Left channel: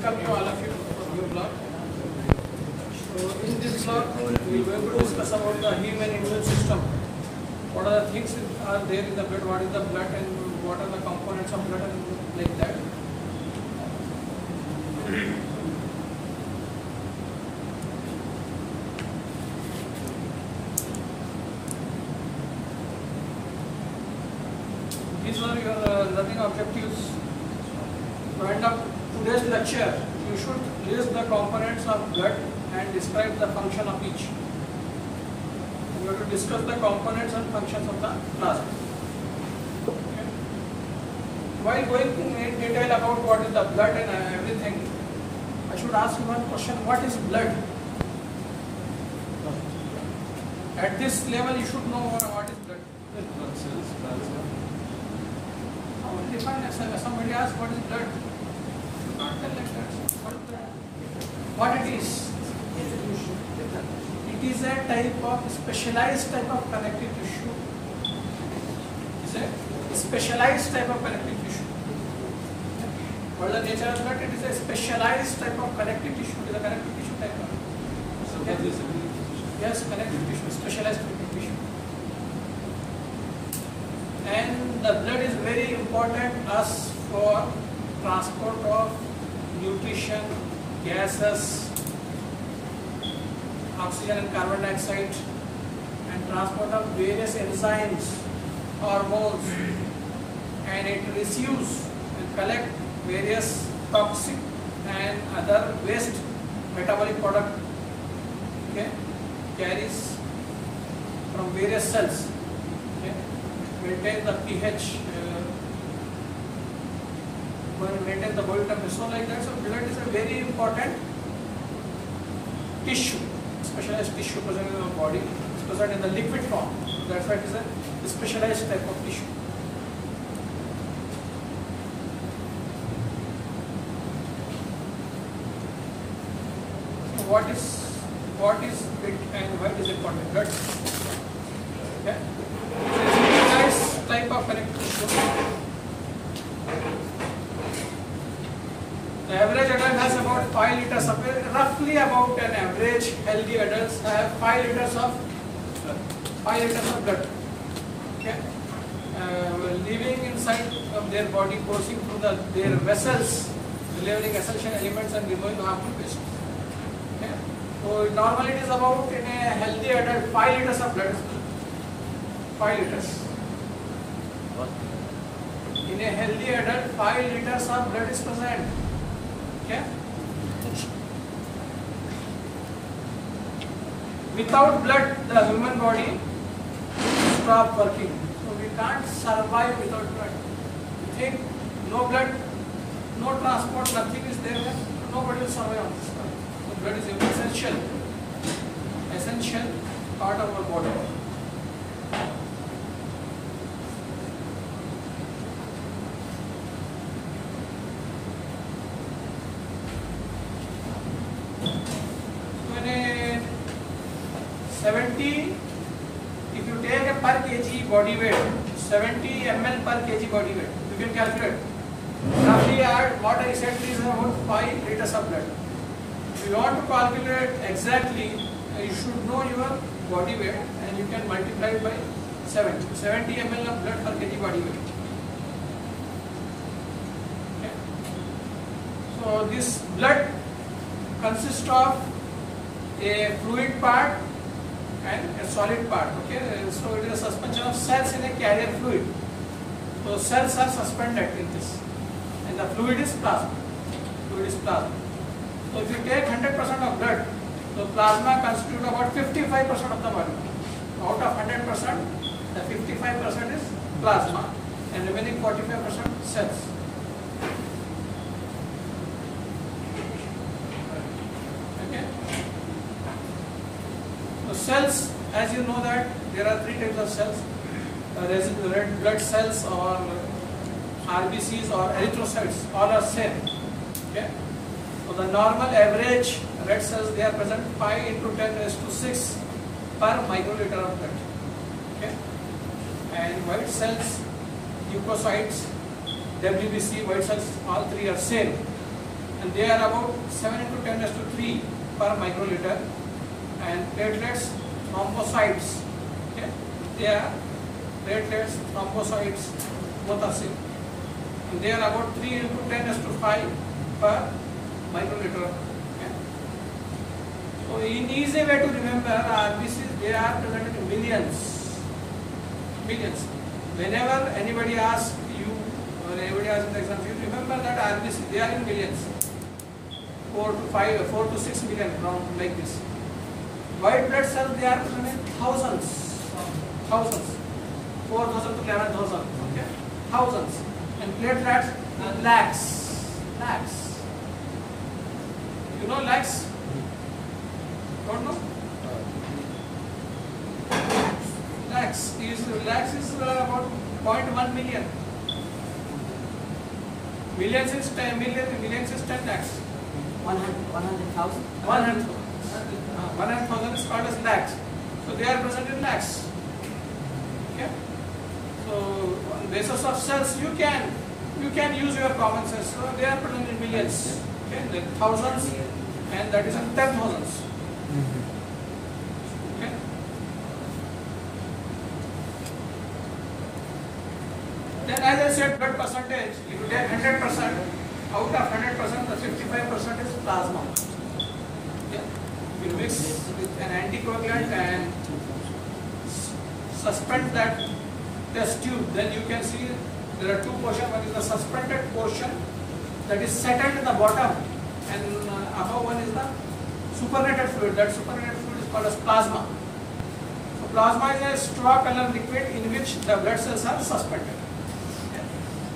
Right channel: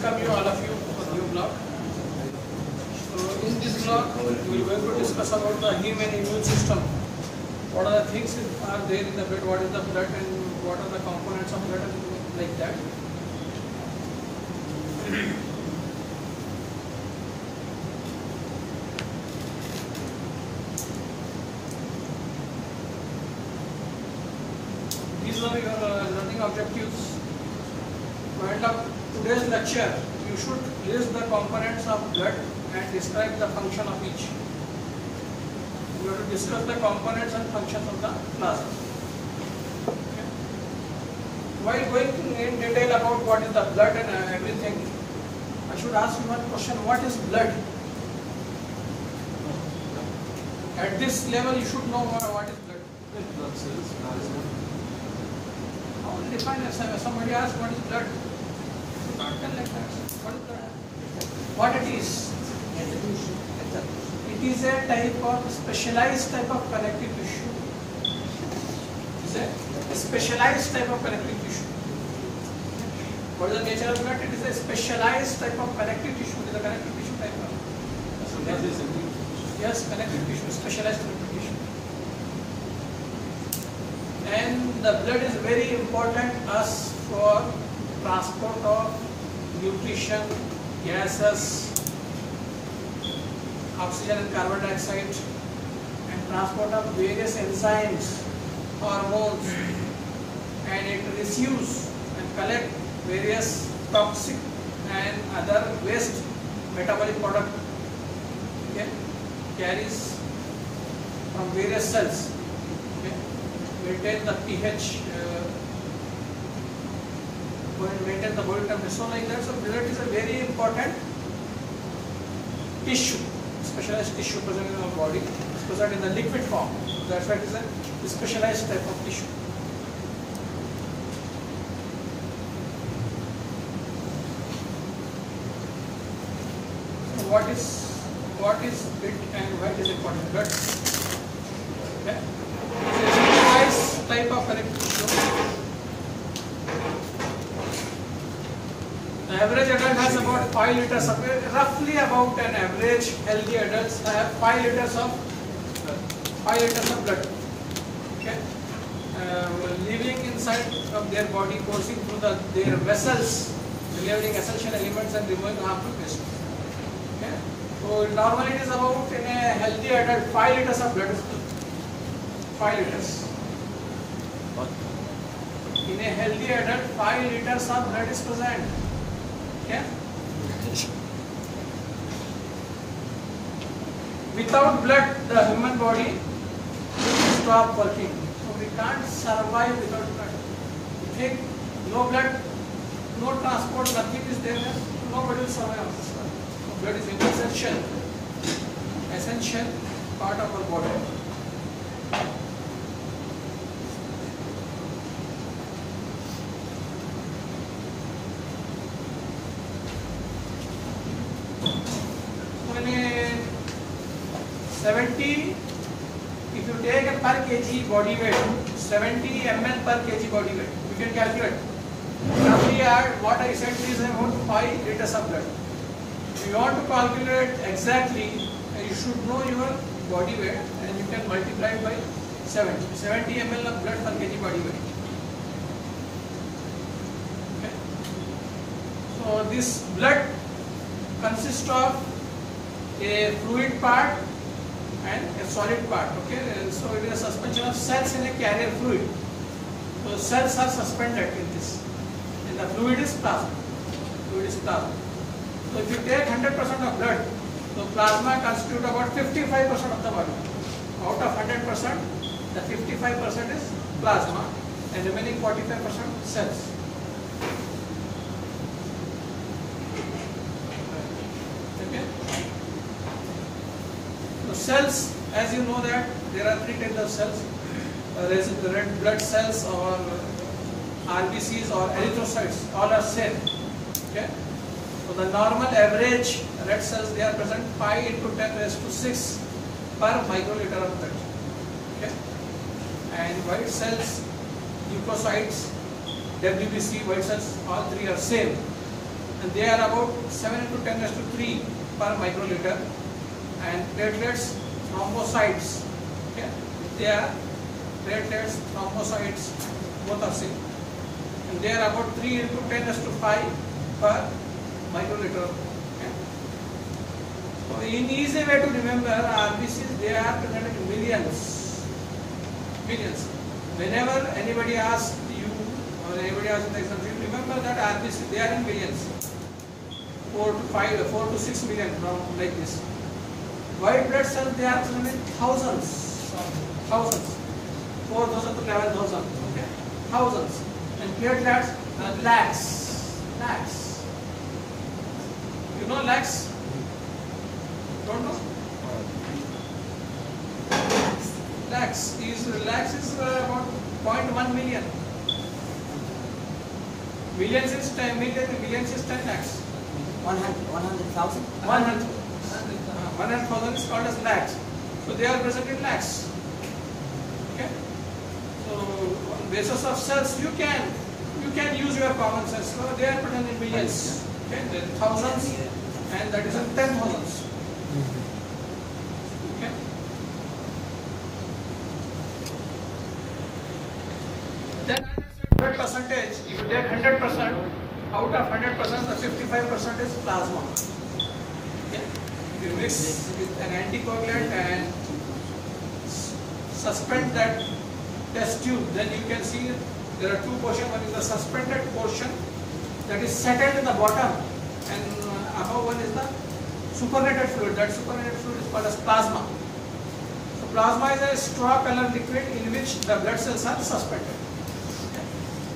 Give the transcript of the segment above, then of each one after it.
Welcome you, all of you, to the new blog. So in this blog, we are going to discuss about the human immune system. What are the things are there in the blood? What is the blood and what are the components of blood and like that. These are your learning objectives. To end up today's lecture, you should list the components of blood and describe the function of each. We have to discuss the components and functions of the plasma. Okay. While going in detail about what is the blood and everything, I should ask you one question: what is blood? At this level, you should know what is blood. Blood cells, plasma. Define yourself. Somebody asks what is blood. You should not tell like that. What is blood? What it is? It is a type of specialized type of connective tissue. It's a specialized type of connective tissue. What is the nature of blood? It is a specialized type of connective tissue. It is a connective tissue type of. Yes, connective tissue, specialized connective tissue. And the blood is very important us for transport of nutrition, gases, oxygen and carbon dioxide, and transport of various enzymes, hormones, and it receives and collects various toxic and other waste metabolic product. Okay, carries from various cells. Okay, maintain the pH, maintain the body temperature. So like that, so blood is a very important tissue. Specialized tissue present in our body, it's present in the liquid form. That's why it is a specialized type of tissue. So what is it and why is it called blood? Okay. Specialized type of connective tissue. The average adult has about 5 liters of, roughly about an average healthy adults have 5 liters of blood. Okay, living inside of their body, coursing through their vessels, delivering essential elements and removing harmful waste. Okay, so normally it is about in a healthy adult 5 liters of blood. 5 liters. In a healthy adult, 5 liters of blood is present. Okay. Without blood, the human body will stop working. So we can't survive without blood. You think no blood, no transport, nothing is there, nobody will survive on this earth. So blood is essential part of our body. If you take a per kg body weight, 70 ml per kg body weight, you can calculate. Roughly add what I said is about 5 liters of blood. If you want to calculate exactly, you should know your body weight and you can multiply it by 70 ml of blood per kg body weight. Okay. So this blood consists of a fluid part and a solid part. Okay, so it is a suspension of cells in a carrier fluid. So cells are suspended in this, and the fluid is plasma. So if you take 100% of blood, so plasma constitutes about 55% of the volume. Out of 100%, the 55% is plasma, and remaining 45% cells. Cells, as you know that there are 3 types of cells: red blood cells or RBCs or erythrocytes. All are same. Okay. So the normal average red cells, they are present 5 into 10 raised to 6 per microliter of blood. Okay. And white cells, leukocytes, WBC, white cells, all 3 are same. And and they are about 7 into 10 raised to 3 per microliter, and platelets, thrombocytes, okay, they are platelets, thrombocytes, both are same, and they are about 3 into 10 raised to 5 per microliter. Okay. So in easy way to remember, RBCs, they are present in millions. Whenever anybody asks you or anybody asks in the exam, you remember that RBC, they are in millions, 4 to 6 million, around like this. White blood cells, they are present in thousands, 4,000 to 11,000, okay, thousands, and platelets are lakhs. You know lakhs? Don't know? Lakhs is about 0.1 million. Millions is 10 million. Millions is 10 lakhs. 100,000. 100,000 is called as lakhs. So they are present in lakhs. Okay. So on basis of cells, you can use your common sense. So they are present in millions. Okay. Then thousands, and that is in 10,000s. Then as I said, blood percentage, if you get 100%, out of 100%, the 55% is plasma. Okay. You mix with an anticoagulant and suspend that test tube, then you can see there are two portions. One is the suspended portion that is settled in the bottom, and above one is the supernated fluid. That supernated fluid is called as plasma. So plasma is a straw color liquid in which the blood cells are suspended.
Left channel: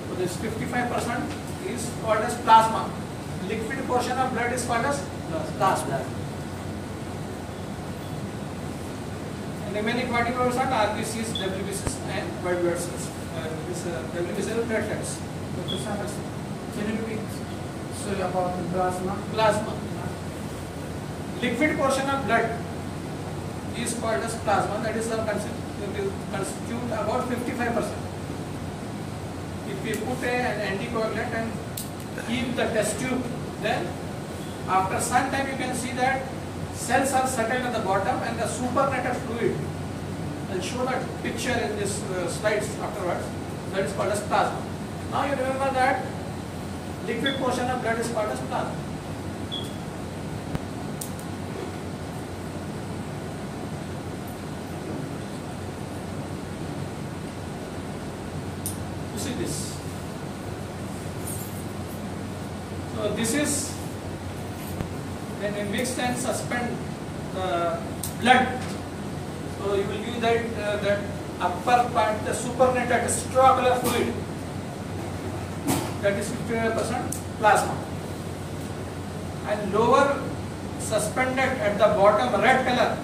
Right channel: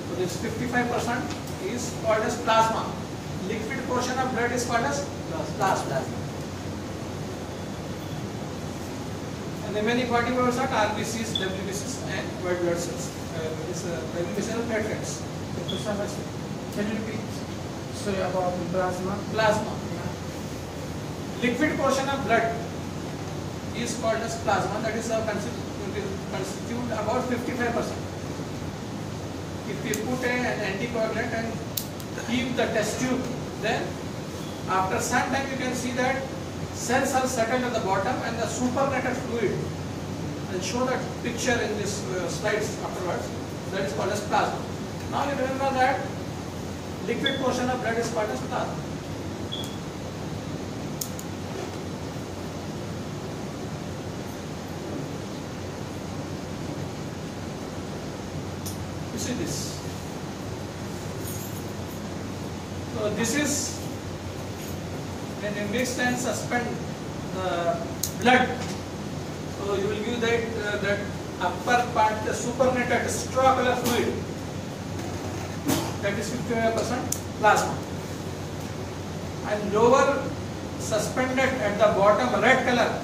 So this 55% is called as plasma. Liquid portion of blood is called as plasma. And the remaining 40% RBCs, WBCs, and white blood cells. WBCs are platelets. Can you repeat? Sorry, about the plasma. Plasma. Liquid portion of blood is called as plasma. That is constitute about 55%. If we put an anticoagulant and keep the test tube, then after some time you can see that cells are settled at the bottom and the supernated fluid. I'll show that picture in this slides afterwards. That is called as plasma. Now you remember that liquid portion of blood is called as plasma. You see this. So this is when we mix and suspend the blood. So you will give that upper part, the supernated straw color fluid. That is 55% plasma. And lower suspended at the bottom red color,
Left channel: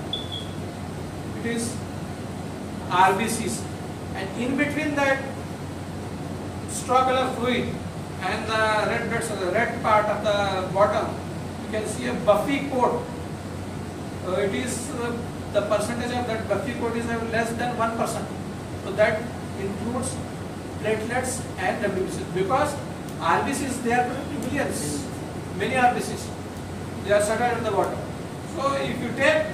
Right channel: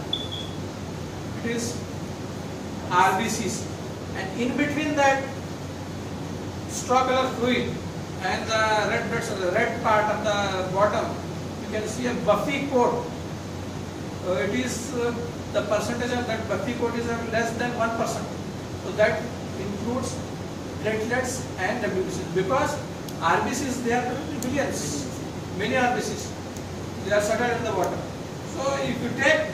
it is RBCs. And in between that straw color fluid and the red blood cell, the red part of the bottom, you can see a buffy coat. It is the percentage of that buffy coat is less than 1%. So that includes platelets and WBCs, because RBCs, they are millions, many RBCs, they are settled at the bottom. So if you take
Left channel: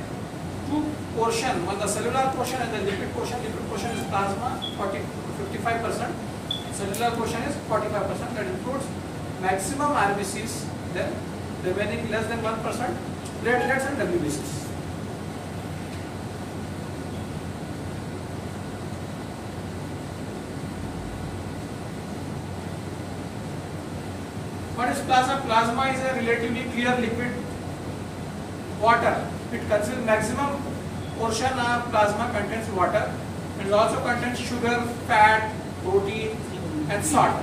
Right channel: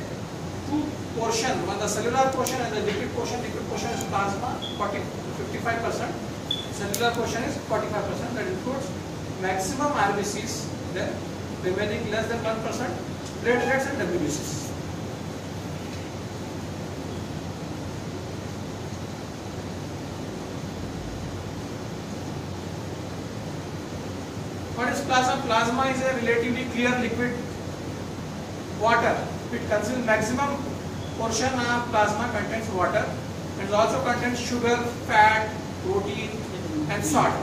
two portion, one the cellular portion and the liquid portion is plasma 55%, cellular portion is 45%. That includes maximum RBCs, then remaining less than 1% platelets and WBCs. What is plasma? Plasma is a relatively clear liquid water. It contains maximum portion of plasma contains water, and it also contains sugar, fat, protein, and salt.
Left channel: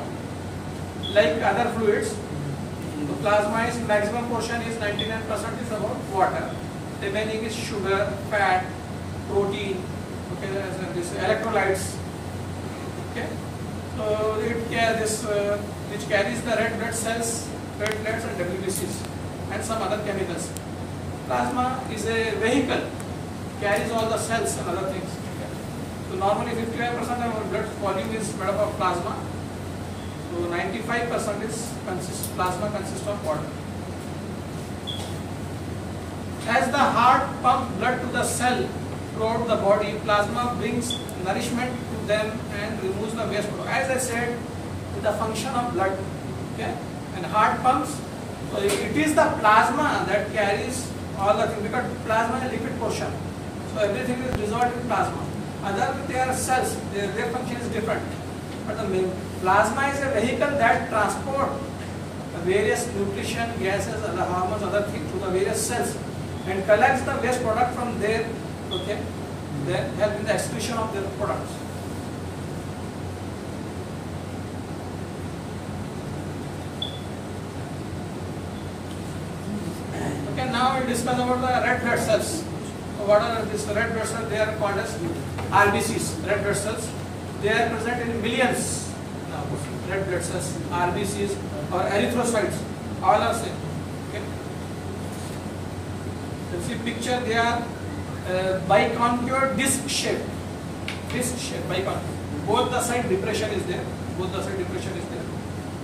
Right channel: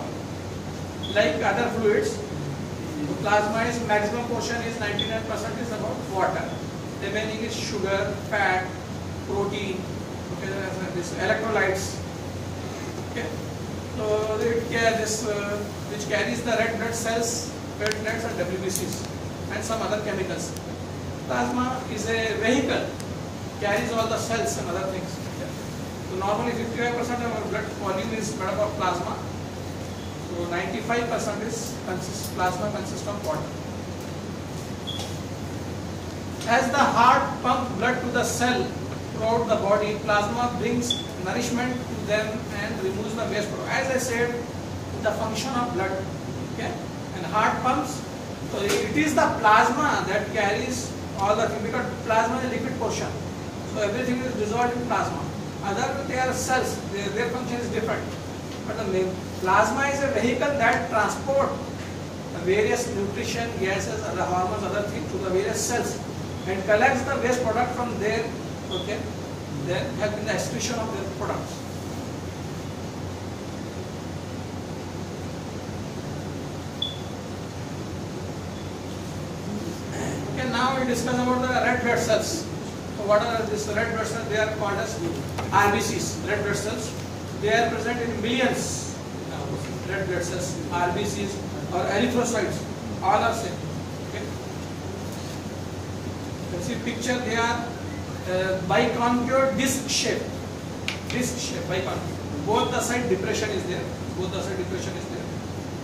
Like other fluids, the plasma is maximum portion is 99% is about water. Remaining is sugar, fat, protein, okay, this electrolytes. Okay. So which carries the red blood cells, platelets and WBCs and some other chemicals. Plasma is a vehicle, carries all the cells and other things. Okay. So normally 55% of our blood volume is made up of plasma. So 95% is plasma consists of water. as the heart pumps blood to the cell throughout the body, plasma brings nourishment to them and removes the waste product. As I said, the function of blood, okay, and heart pumps, so it is the plasma that carries all the things, because plasma is a liquid portion, so everything is dissolved in plasma. Other they are cells, their function is different, but the plasma is a vehicle that transport the various nutrition, gases, other hormones, other things to the various cells and collects the waste product from there, okay, then help in the excretion of their products. Okay, now we discuss about the red blood cells. So what are these red blood cells? They are called as RBCs, red blood cells. They are present in millions. Red blood cells, RBCs or erythrocytes, all are same. Okay. You see picture, they are biconchave disc shape, biconchave. Both the side depression is there.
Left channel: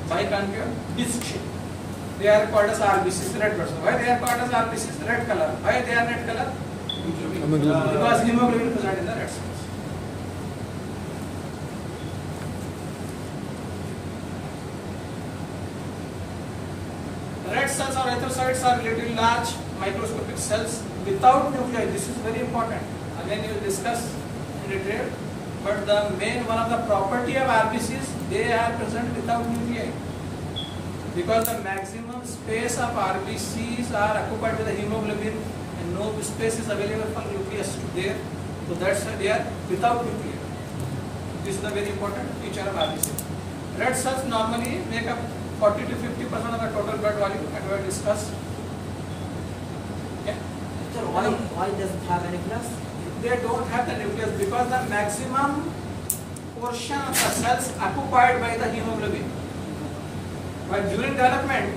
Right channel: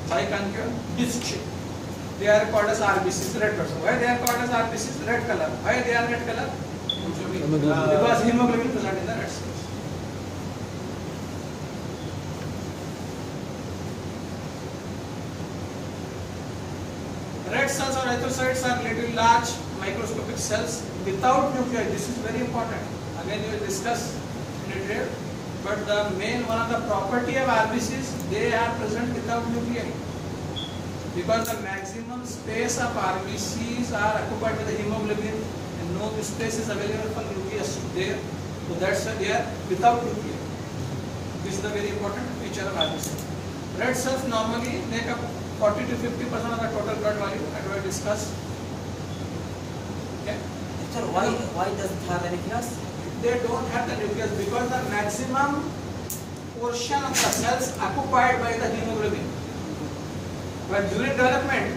Biconchave disc shape. They are called as RBCs, red blood cells. Why they are called as RBCs? Red color. Why they are red color? Because hemoglobin present in the red cells. Red cells or erythrocytes are little large microscopic cells without nuclei. This is very important. Again, we will discuss in detail. But the main one of the property of RBCs, they are present without nuclei. Because the maximum space of RBCs are occupied by the hemoglobin and no space is available for nucleus there. So that's why they are without nuclei. This is the very important feature of RBC. Red cells normally make up 40 to 50% of the total blood volume, and we have discussed. Okay. So why does it have a nucleus? They don't have the nucleus because the maximum portion of the cells occupied by the hemoglobin. But during development,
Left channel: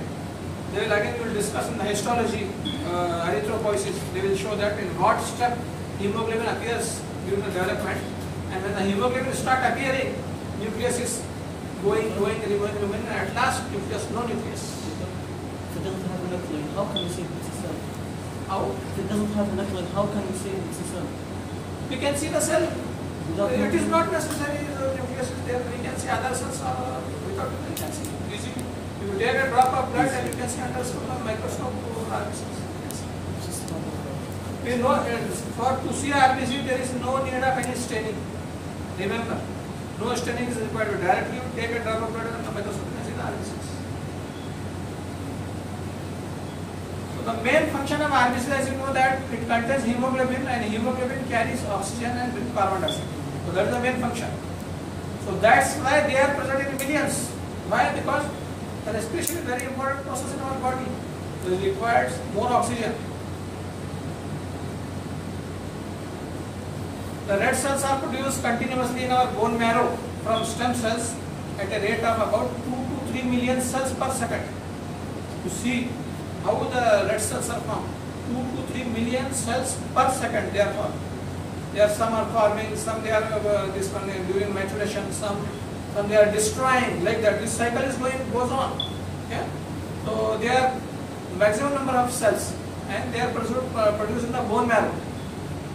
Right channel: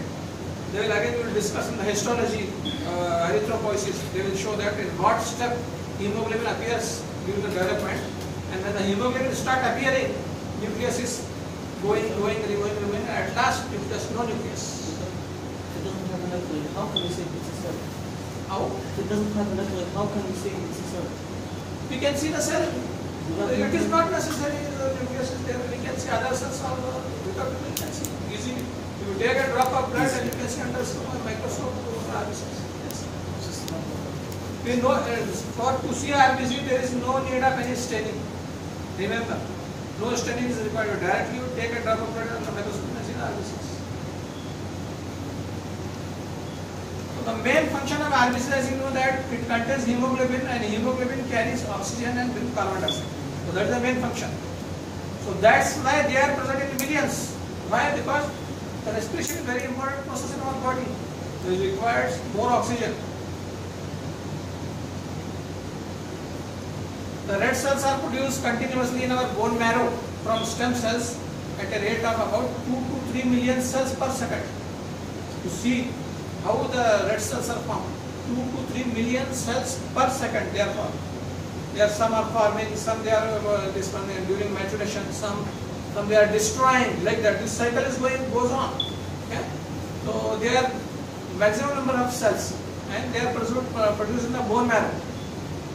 they will again will discuss in the histology, erythropoiesis. They will show that in what step hemoglobin appears during the development, and when the hemoglobin start appearing, nucleus is going, and at last nucleus, no nucleus. If it doesn't have a nucleus, how can you say it's a cell? How? If it doesn't have a nucleus, how can you say it's a cell? We can see the cell. It is not necessary the nucleus is there. We can see other cells are without nucleus. We can see easily. You take a drop of blood and you can see under microscope RBCs. We know to see RBC there is no need of any staining. Remember, no staining is required. Directly you take a drop of blood and the microscope and see the RBCs. The main function of RBC, as you know, that it contains hemoglobin, and hemoglobin carries oxygen and carbon dioxide. So that is the main function. So that's why they are present in millions. Why? Because the respiration is a very important process in our body. So it requires more oxygen. The red cells are produced continuously in our bone marrow from stem cells at a rate of about 2 to 3 million cells per second. To see how the red cells are formed, 2 to 3 million cells per second they are formed. There some are forming, some they are during maturation, some they are destroying, like that. This cycle is goes on. Okay? So they are maximum number of cells, and they are produced in the bone marrow.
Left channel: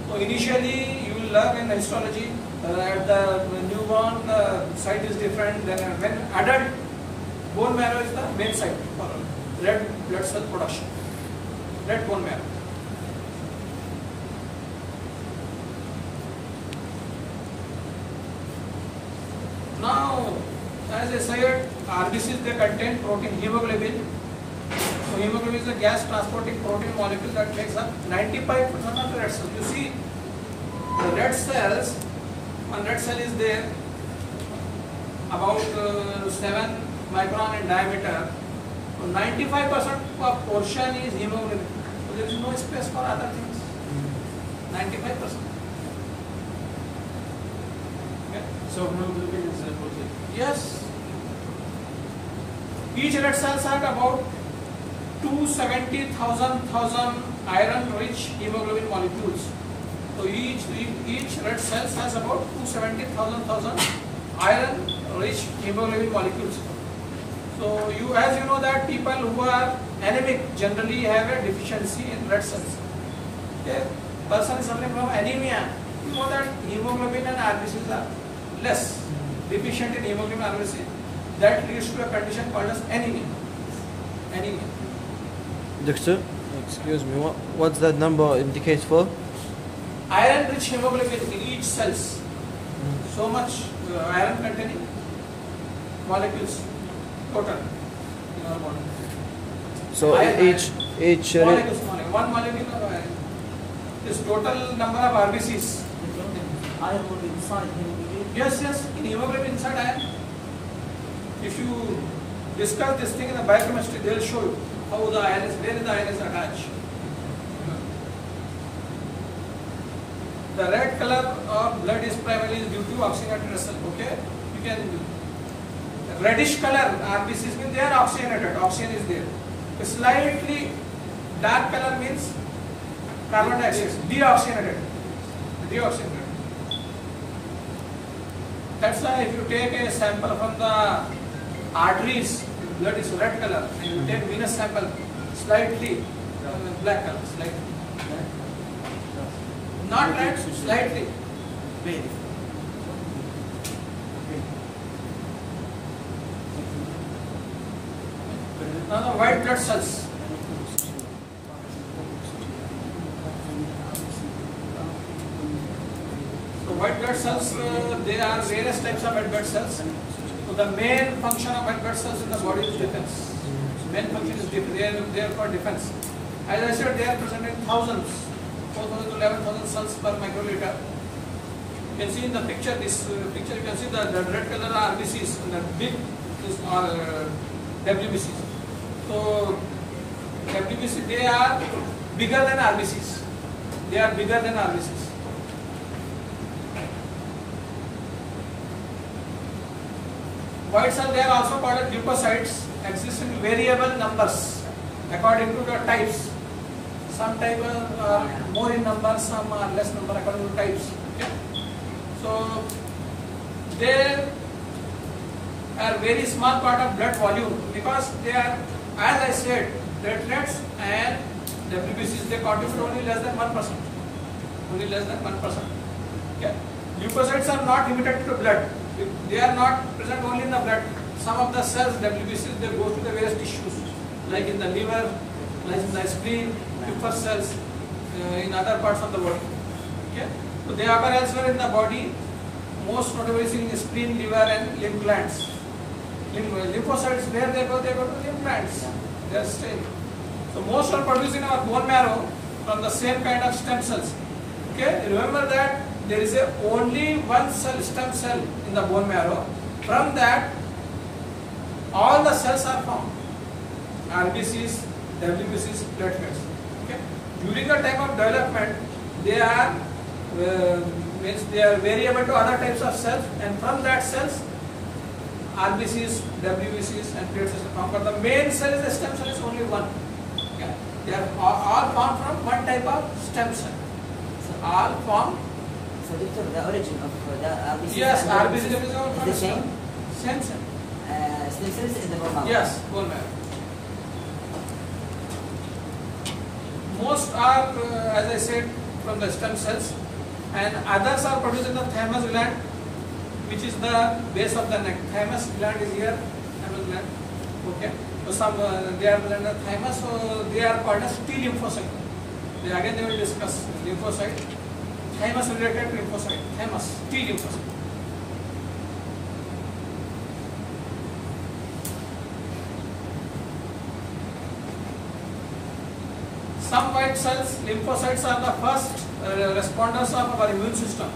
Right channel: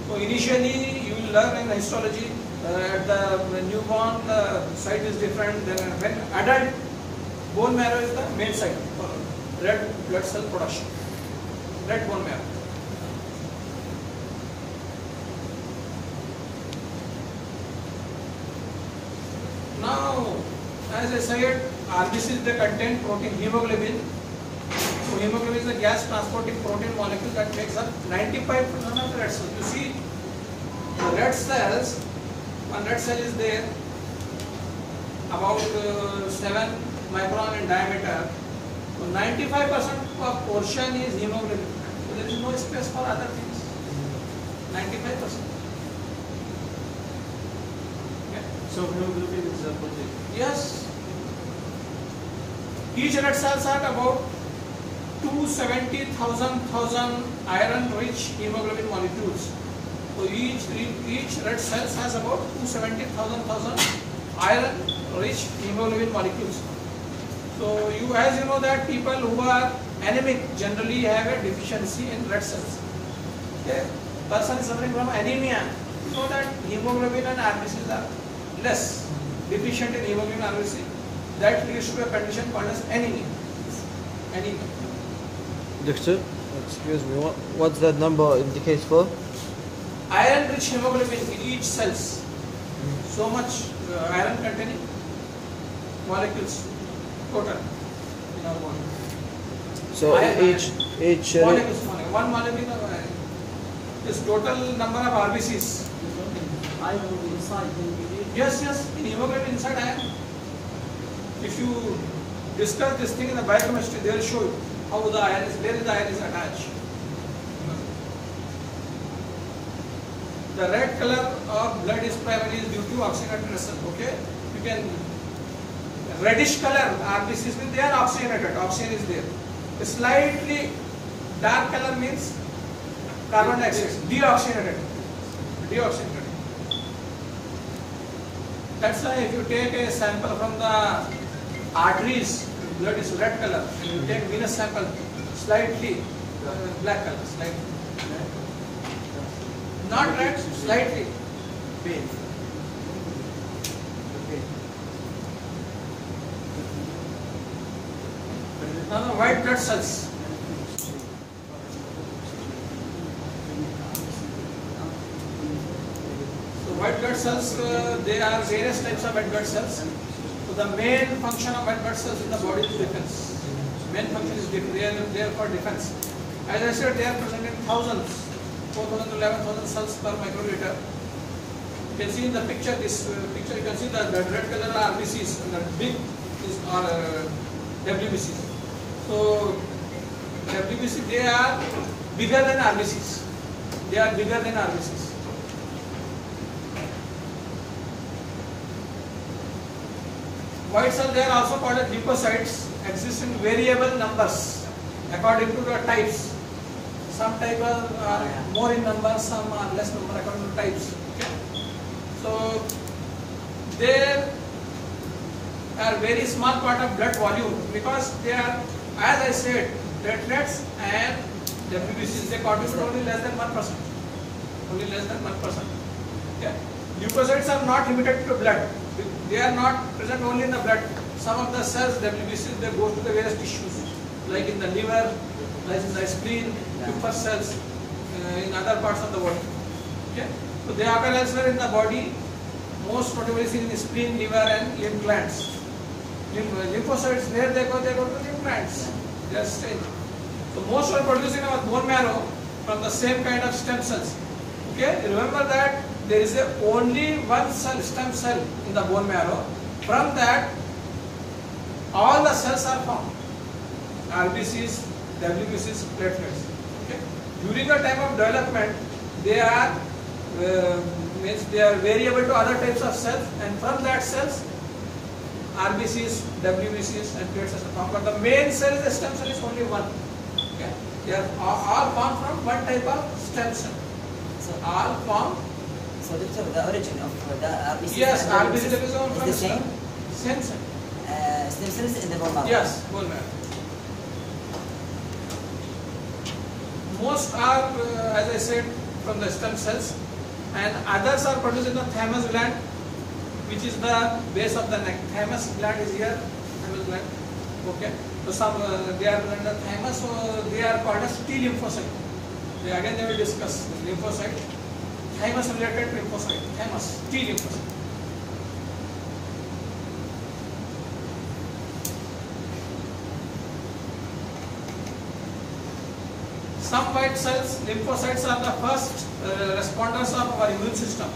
So initially you will learn in histology at the newborn site is different. Then when adult, bone marrow is the main site for red blood cell production, red bone marrow. Now, as I said, RBCs they contain protein, hemoglobin. So hemoglobin is a gas transporting protein molecule that makes up 95% of the red cells. You see, the red cells, one red cell is there about 7 micron in diameter. So 95% of portion is hemoglobin. So there is no space for other things. 95%. So hemoglobin is a protein. Yes. Each red cells are about 270,000 iron-rich hemoglobin molecules. So each red cell has about 270,000 iron-rich hemoglobin molecules. So as you know that people who are anemic generally have a deficiency in red cells. A person suffering from anemia, you know that hemoglobin and RBCs are less, deficient in hemoglobin and RBC. That leads to a condition called as anemia. Anemia. Doctor, excuse me, what's that number indicates for? Iron-rich hemoglobin in each cells. So much iron containing molecules total in our body. So each molecules, one molecule of iron is total number of RBCs. Iron will be inside hemoglobin. Yes, in hemoglobin inside iron. If you discuss this thing in the biochemistry, they will show you how the iron is, where the iron is attached. The red color of blood is primarily due to oxygenated result. Okay, you can reddish color RBCs means they are oxygenated. Oxygen is there. A slightly dark color means carbon dioxide, deoxygenated. Deoxygenated. That's why if you take a sample from the arteries, blood is red color. And you take venous sample, slightly black color, slightly. Not red, slightly. Now the white blood cells. So white blood cells, they are various types of white blood cells. So the main function of white blood cells in the body is defense. Main function is defense. They are for defense. As I said, they are present in thousands. 4,000 to 11,000 cells per microliter. You can see in the picture, this picture you can see the red color RBCs and the big WBCs. So WBC, they are bigger than RBCs. They are bigger than RBCs. White cells, they are also called as leukocytes, exist in variable numbers according to the types. Some types are more in number, some are less number according to types. Okay? So they are very small part of blood volume because they are, as I said, platelets and WBCs, they contribute only less than 1%. Only less than 1%. Okay? Leukocytes are not limited to blood. They are not present only in the blood. Some of the cells, WBCs, they go to the various tissues, like in the liver, like in the spleen, first cells in other parts of the body. Okay? So they occur elsewhere in the body, most notably in the spleen, liver and lymph glands. Lymphocytes, where they go to lymph glands. They are staying. So most are produced in our bone marrow from the same kind of stem cells. Okay? Remember that there is only one cell, stem cell in the bone marrow. From that, all the cells are formed. RBCs, WBCs, platelets. Okay? During the time of development, they are variable to other types of cells, and from that cells, RBCs, WBCs, and platelets are formed. But the main cell is the stem cell is only one. Okay? They are all formed from one type of stem cell. So all formed. So the origin of the RBC Yes, RBC is the same. Same cell. Stem cells in the bone marrow. Yes, bone marrow. Most are, as I said, from the stem cells, and others are produced in the thymus gland, which is the base of the neck. Thymus gland is here, thymus gland. Okay. So some they are present in the thymus, so they are called as T lymphocyte. They will discuss lymphocyte, thymus related lymphocyte, thymus, T lymphocyte. Some white cells, lymphocytes, are the first responders of our immune system.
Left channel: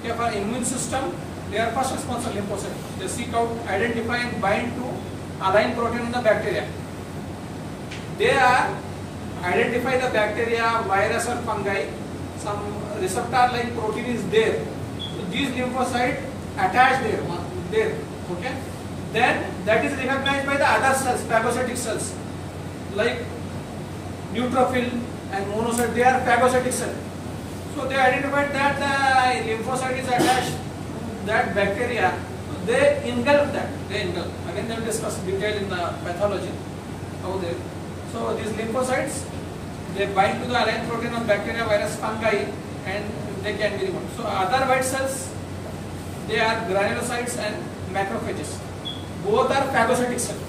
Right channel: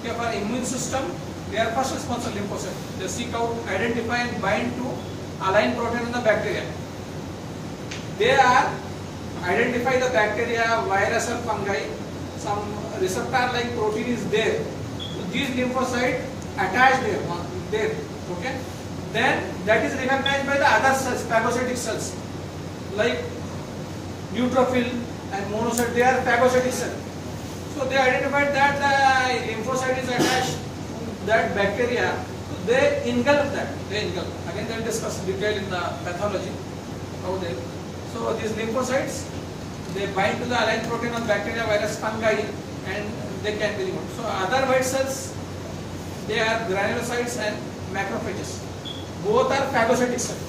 Okay, for immune system, they are first response of lymphocyte. They seek out, identify and bind to align protein in the bacteria. They are identify the bacteria, virus or fungi. Some receptor like protein is there. So these lymphocytes attach there. Okay. Then that is recognized by the other cells, phagocytic cells, like neutrophil and monocyte. They are phagocytic cells. So they identified that the lymphocyte is attached to that bacteria. So they engulf that. Again, they will discuss detail in the pathology. So these lymphocytes they bind to the allied protein of bacteria, virus, fungi, and they can be removed. So other white cells, they are granulocytes and macrophages. Both are phagocytic cells,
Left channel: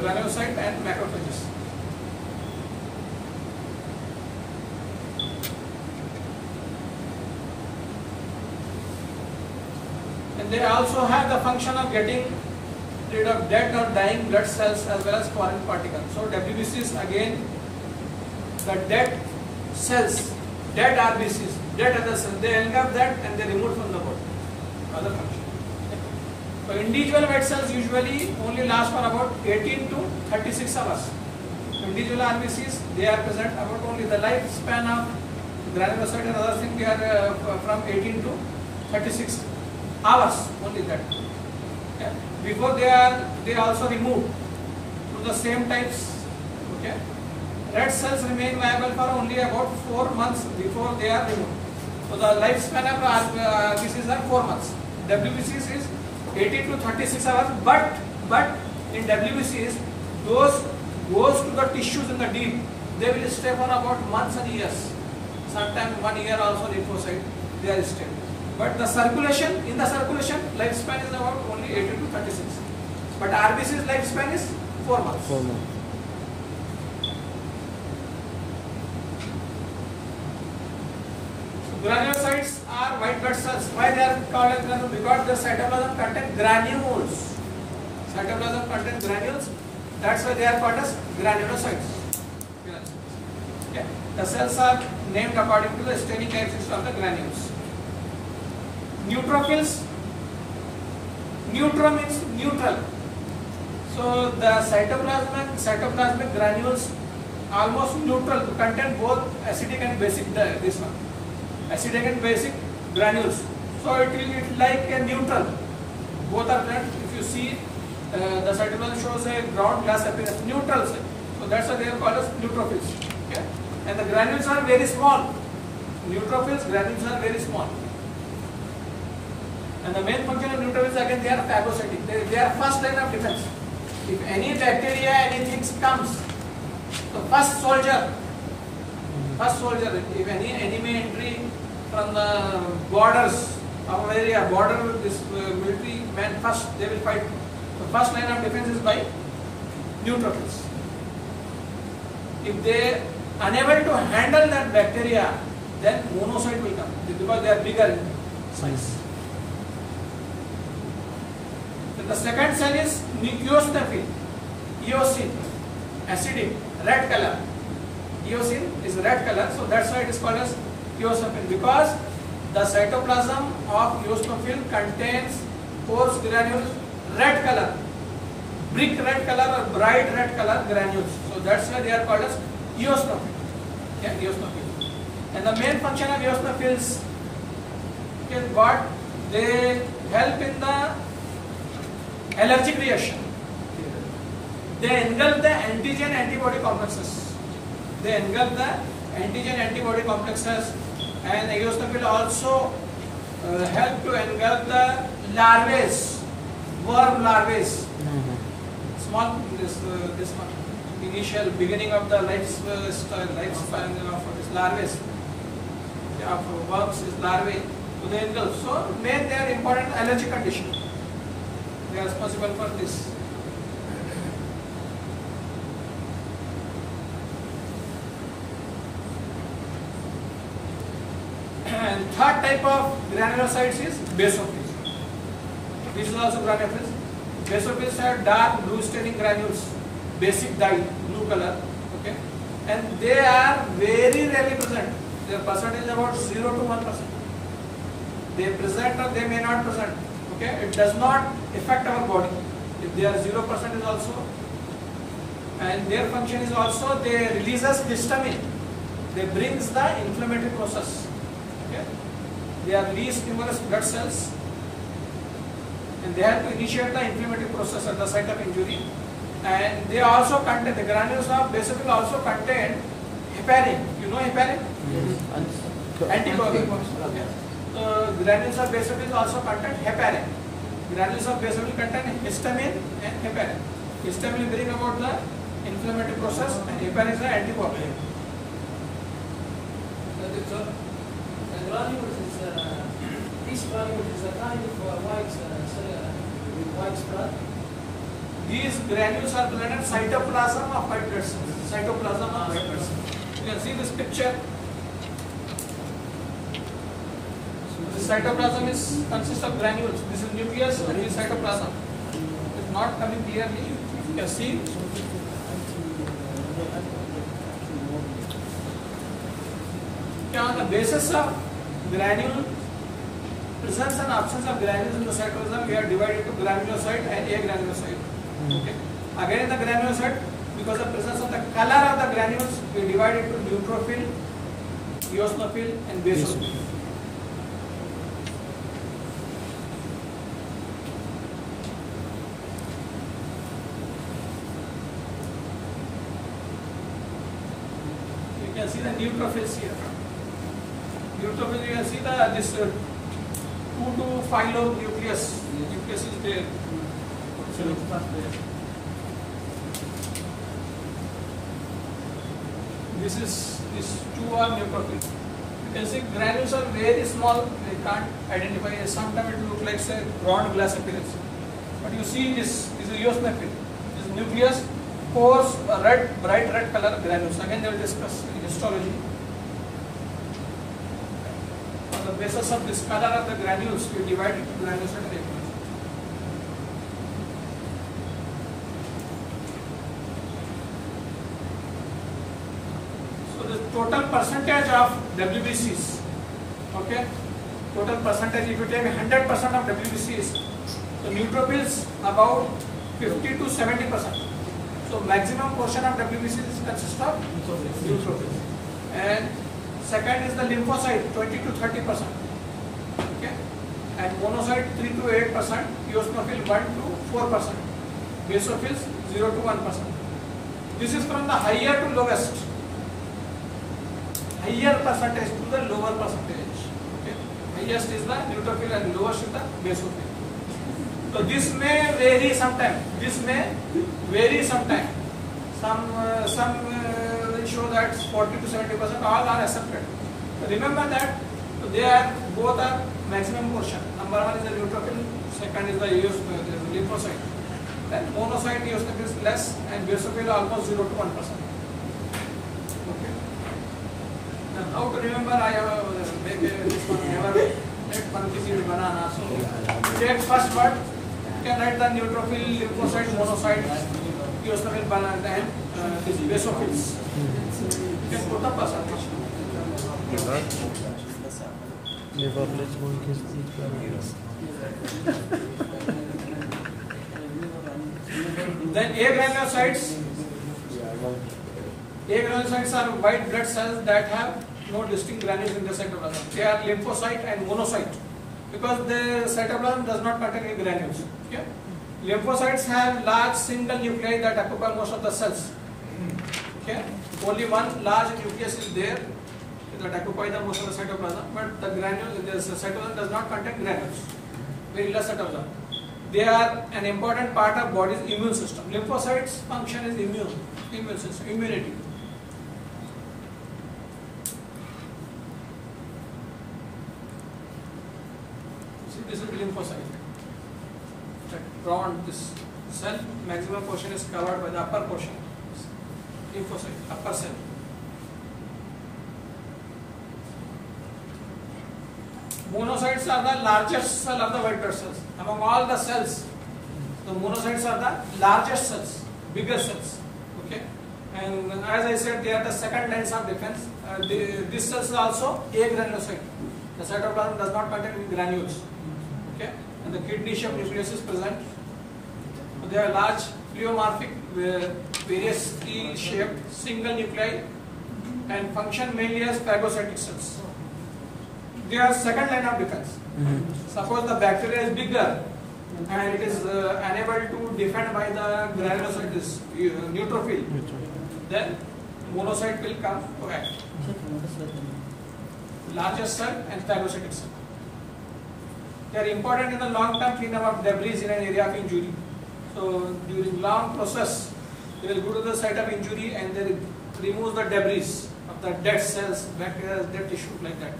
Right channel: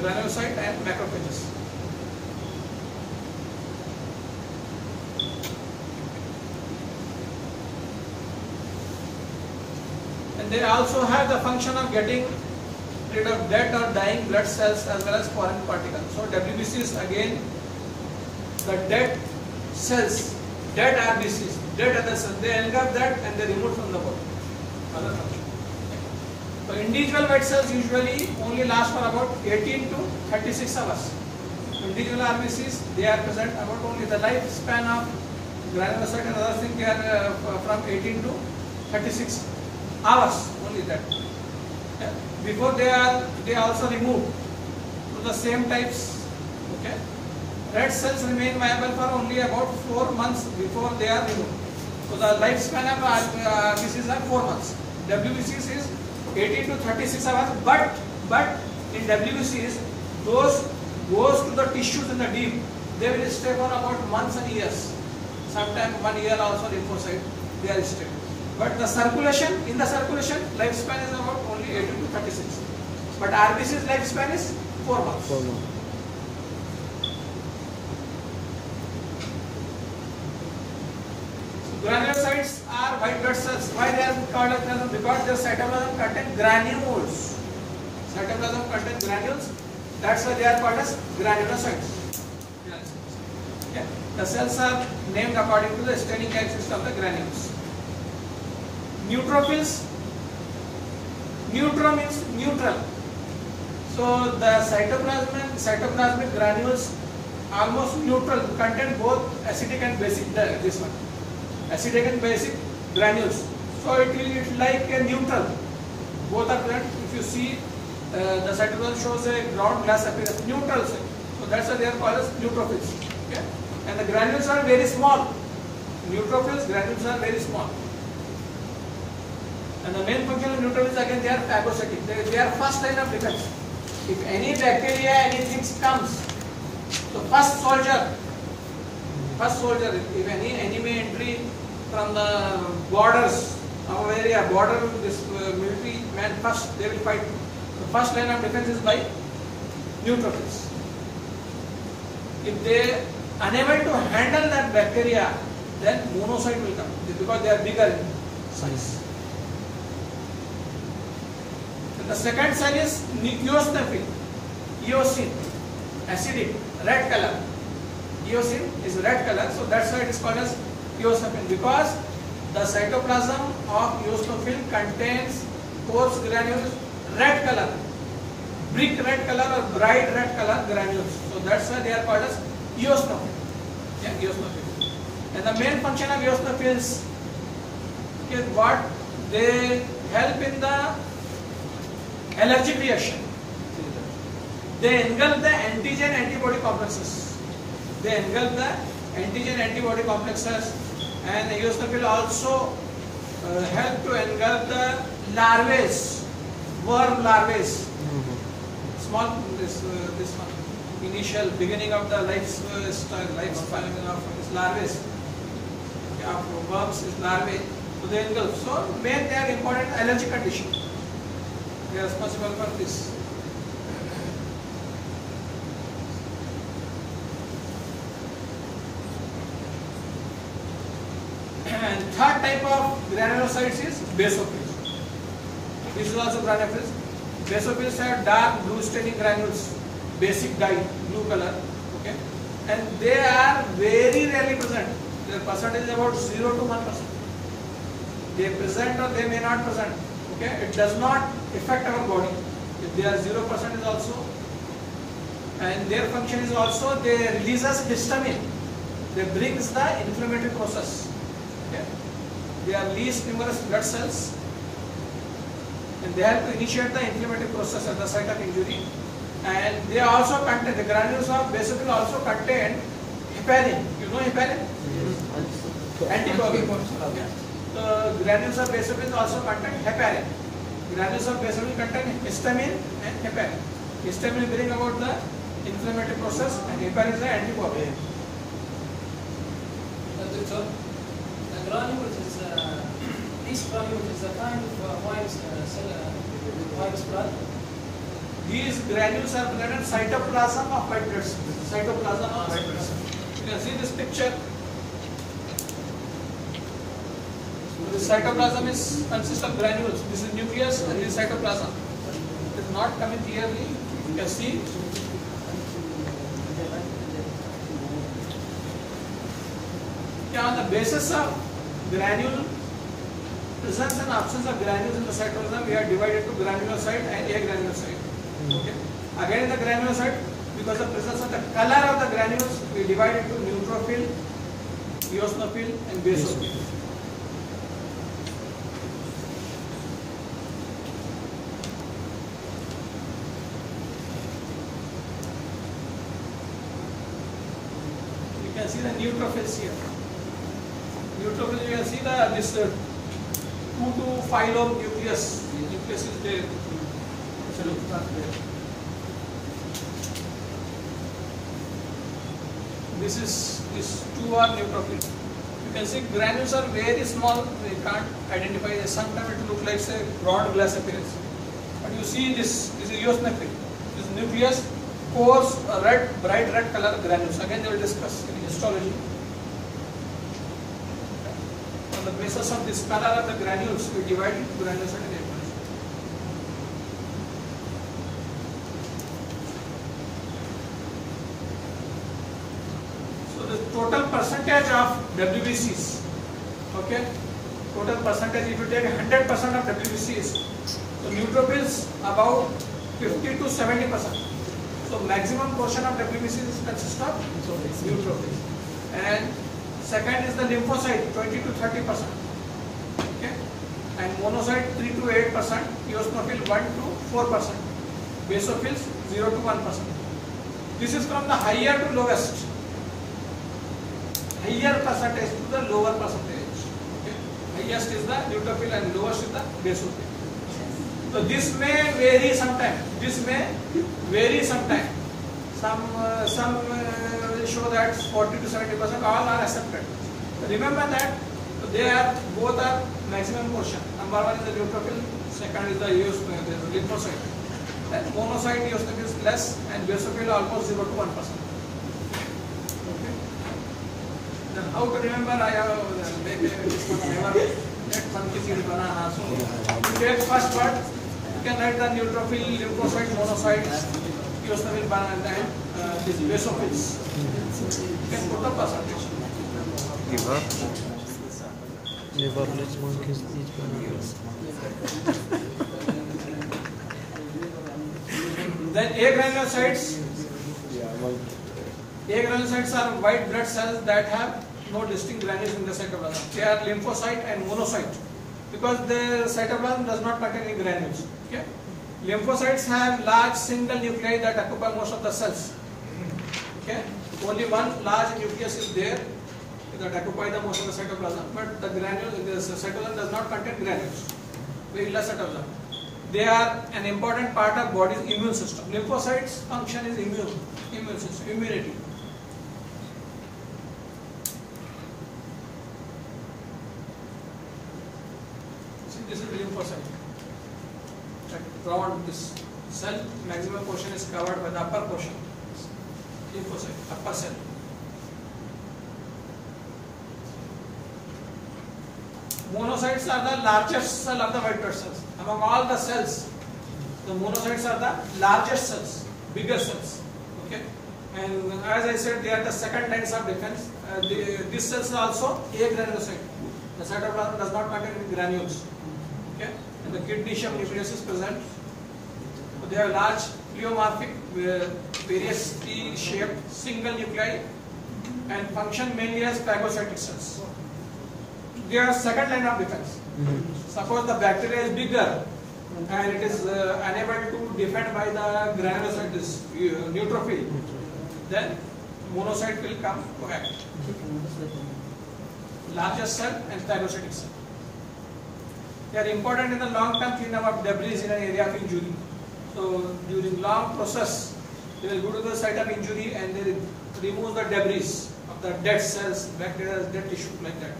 granulocyte and macrophages. And they also have the function of getting rid of dead or dying blood cells as well as foreign particles. So WBCs, again, the dead cells, dead RBCs, dead other cells, they engulf that and they remove from the body. Other function. So individual white cells usually only last for about 18 to 36 hours. So individual RBCs, they are present about only the lifespan of granulocyte and other things, they are from 18 to 36 hours, only that. Yeah. Before they are also removed to the same types. Okay. Red cells remain viable for only about 4 months before they are removed. So the lifespan of RBCs are 4 months. WBCs is 18 to 36 hours, but in WBCs, those goes to the tissues in the deep, they will stay for about months and years. Sometimes 1 year also lymphocyte, they are stable. But the circulation, in the circulation, lifespan is about only 18 to 36. But RBC's lifespan is 4 months. 4 months. Granulocytes are white blood cells. Why they are called as granules? Because their cytoplasm contain granules. Cytoplasm contains granules. That's why they are called as granulocytes. Okay. The cells are named according to the staining characteristics of the granules. Neutrophils. Neutro means neutral. So the cytoplasmic granules almost neutral, contain both acidic and basic. This one, acidic and basic granules. So it is like a neutral. Both are present. If you see, the cytoplasm shows a ground glass appearance, neutral. So that's why they are called as neutrophils. Okay? And the granules are very small. Neutrophils, granules are very small. And the main function of neutrophils, again, they are phagocytic. They are first line of defense. If any bacteria, anything comes, the first soldier, if any enemy entry from the borders of an area, this military man, first they will fight. The first line of defense is by neutrophils. If they are unable to handle that bacteria, then monocyte will come because they are bigger in size. The second cell is eosinophil, eosin, acidic, red color. Eosin is red color, so that's why it is called as eosinophil, because the cytoplasm of eosinophil contains coarse granules, red color, brick red color or bright red color granules. So that's why they are called as eosinophil. Yeah, eosinophil. And the main function of eosinophils is what? They help in the allergic reaction. They engulf the antigen-antibody complexes. And eosinophil also help to engulf the larvae, worm larvae. Small, this one, initial beginning of the lifespan of this larvae. Of worms is larvae. So they engulf. So they are important allergic condition. They are responsible for this. And third type of granulocytes is basophils. This is also granulocytes. Basophils are dark blue staining granules, basic dye, blue color. Okay, and they are very rarely present. Their percentage is about 0 to 1%. They present or they may not present. Okay, it does not affect our body. If they are 0% is also, and their function is also they releases histamine. They brings the inflammatory process. Okay, they are least numerous blood cells, and they help to initiate the inflammatory process at the site of injury. And they also contain, the granules of basophil also contain heparin. You know heparin? Anticoagulant. The granules of basophil also contain heparin. Granules of basophil contain histamine and heparin. Histamine brings about the inflammatory process, and heparin is the anticoagulant. sir. The granules is each granule is a kind of white cell with white blood. These granules are present in cytoplasm of white blood cells. Cytoplasm of white blood cells. You can see this picture. So the cytoplasm consists of granules. This is nucleus and this is cytoplasm. It is not coming clearly. You can see. Okay, on the basis of granule presence and absence of granules in the cytoplasm, we are divided to granulocyte and agranulocyte. Okay. Again in the granulocyte, because of presence of the color of the granules, we divide it to neutrophil, eosinophil and basophil. You can see the neutrophils here. Neutrophil, you can see this 2 to 5 lobe nucleus. Nucleus is there. These two are neutrophil. You can see granules are very small. They can't identify. Sometimes it looks like a round glass appearance. But you see this is eosinophil. This nucleus, coarse red, bright red color granules. Again, they will discuss in histology. On the basis of this color of the granules, we divide it into granules and agranules. Total percentage of WBCs, okay, total percentage, if you take 100% of WBCs, so neutrophils about 50 to 70%. So maximum portion of WBCs consists of neutrophils. And second is the lymphocyte, 20 to 30%, okay, and monocyte 3 to 8%, eosinophil 1 to 4%, basophils 0 to 1%. This is from the higher to lowest. Higher percentage to the lower percentage. Okay. Highest is the neutrophil and lowest is the basophil. So this may vary sometime. Some will show that 40 to 70%. All are accepted. So remember that both are maximum portion. Number one is the neutrophil. Second is the lymphocyte. Then monocyte eosinophil is less and basophil almost 0 to 1%. How to remember? I have maybe this one never let one easy banana. So take first word. You can write the neutrophil, lymphocyte, monocyte, eosinophil, and then this basophils. You can put the percentage. Never let monkeys eat bananas. Then agranulocytes. Agranulocytes are white blood cells that have no distinct granules in the cytoplasm. They are lymphocyte and monocyte because the cytoplasm does not contain any granules. Okay? Lymphocytes have large single nuclei that occupy most of the cells. Okay? Only one large nucleus is there that occupy the most of the cytoplasm, but the cytoplasm does not contain granules. Very less cytoplasm. They are an important part of body's immune system. Lymphocytes' function is immune system, immunity. This is lymphocyte. Around this cell, maximum portion is covered by the upper portion. Lymphocyte, upper cell. Monocytes are the largest cell of the white blood cells. Among all the cells, the monocytes are the largest cells, bigger cells. Okay, and as I said, they are the second lines of defense. These cells are also agranulocyte. The cytoplasm does not contain any granules. Okay, and the kidney shaped nucleus is present. So they are large, pleomorphic, variously shaped, single nuclei, and function mainly as phagocytic cells. They are second line of defense. Suppose the bacteria is bigger and it is unable to defend by the granulocyte, this neutrophil, then monocyte will come to act. Largest cell and phagocytic cell. They are important in the long-term cleanup of debris in an area of injury. So during long process, they will go to the site of injury and they remove the debris of the dead cells, bacteria, dead tissue, like that.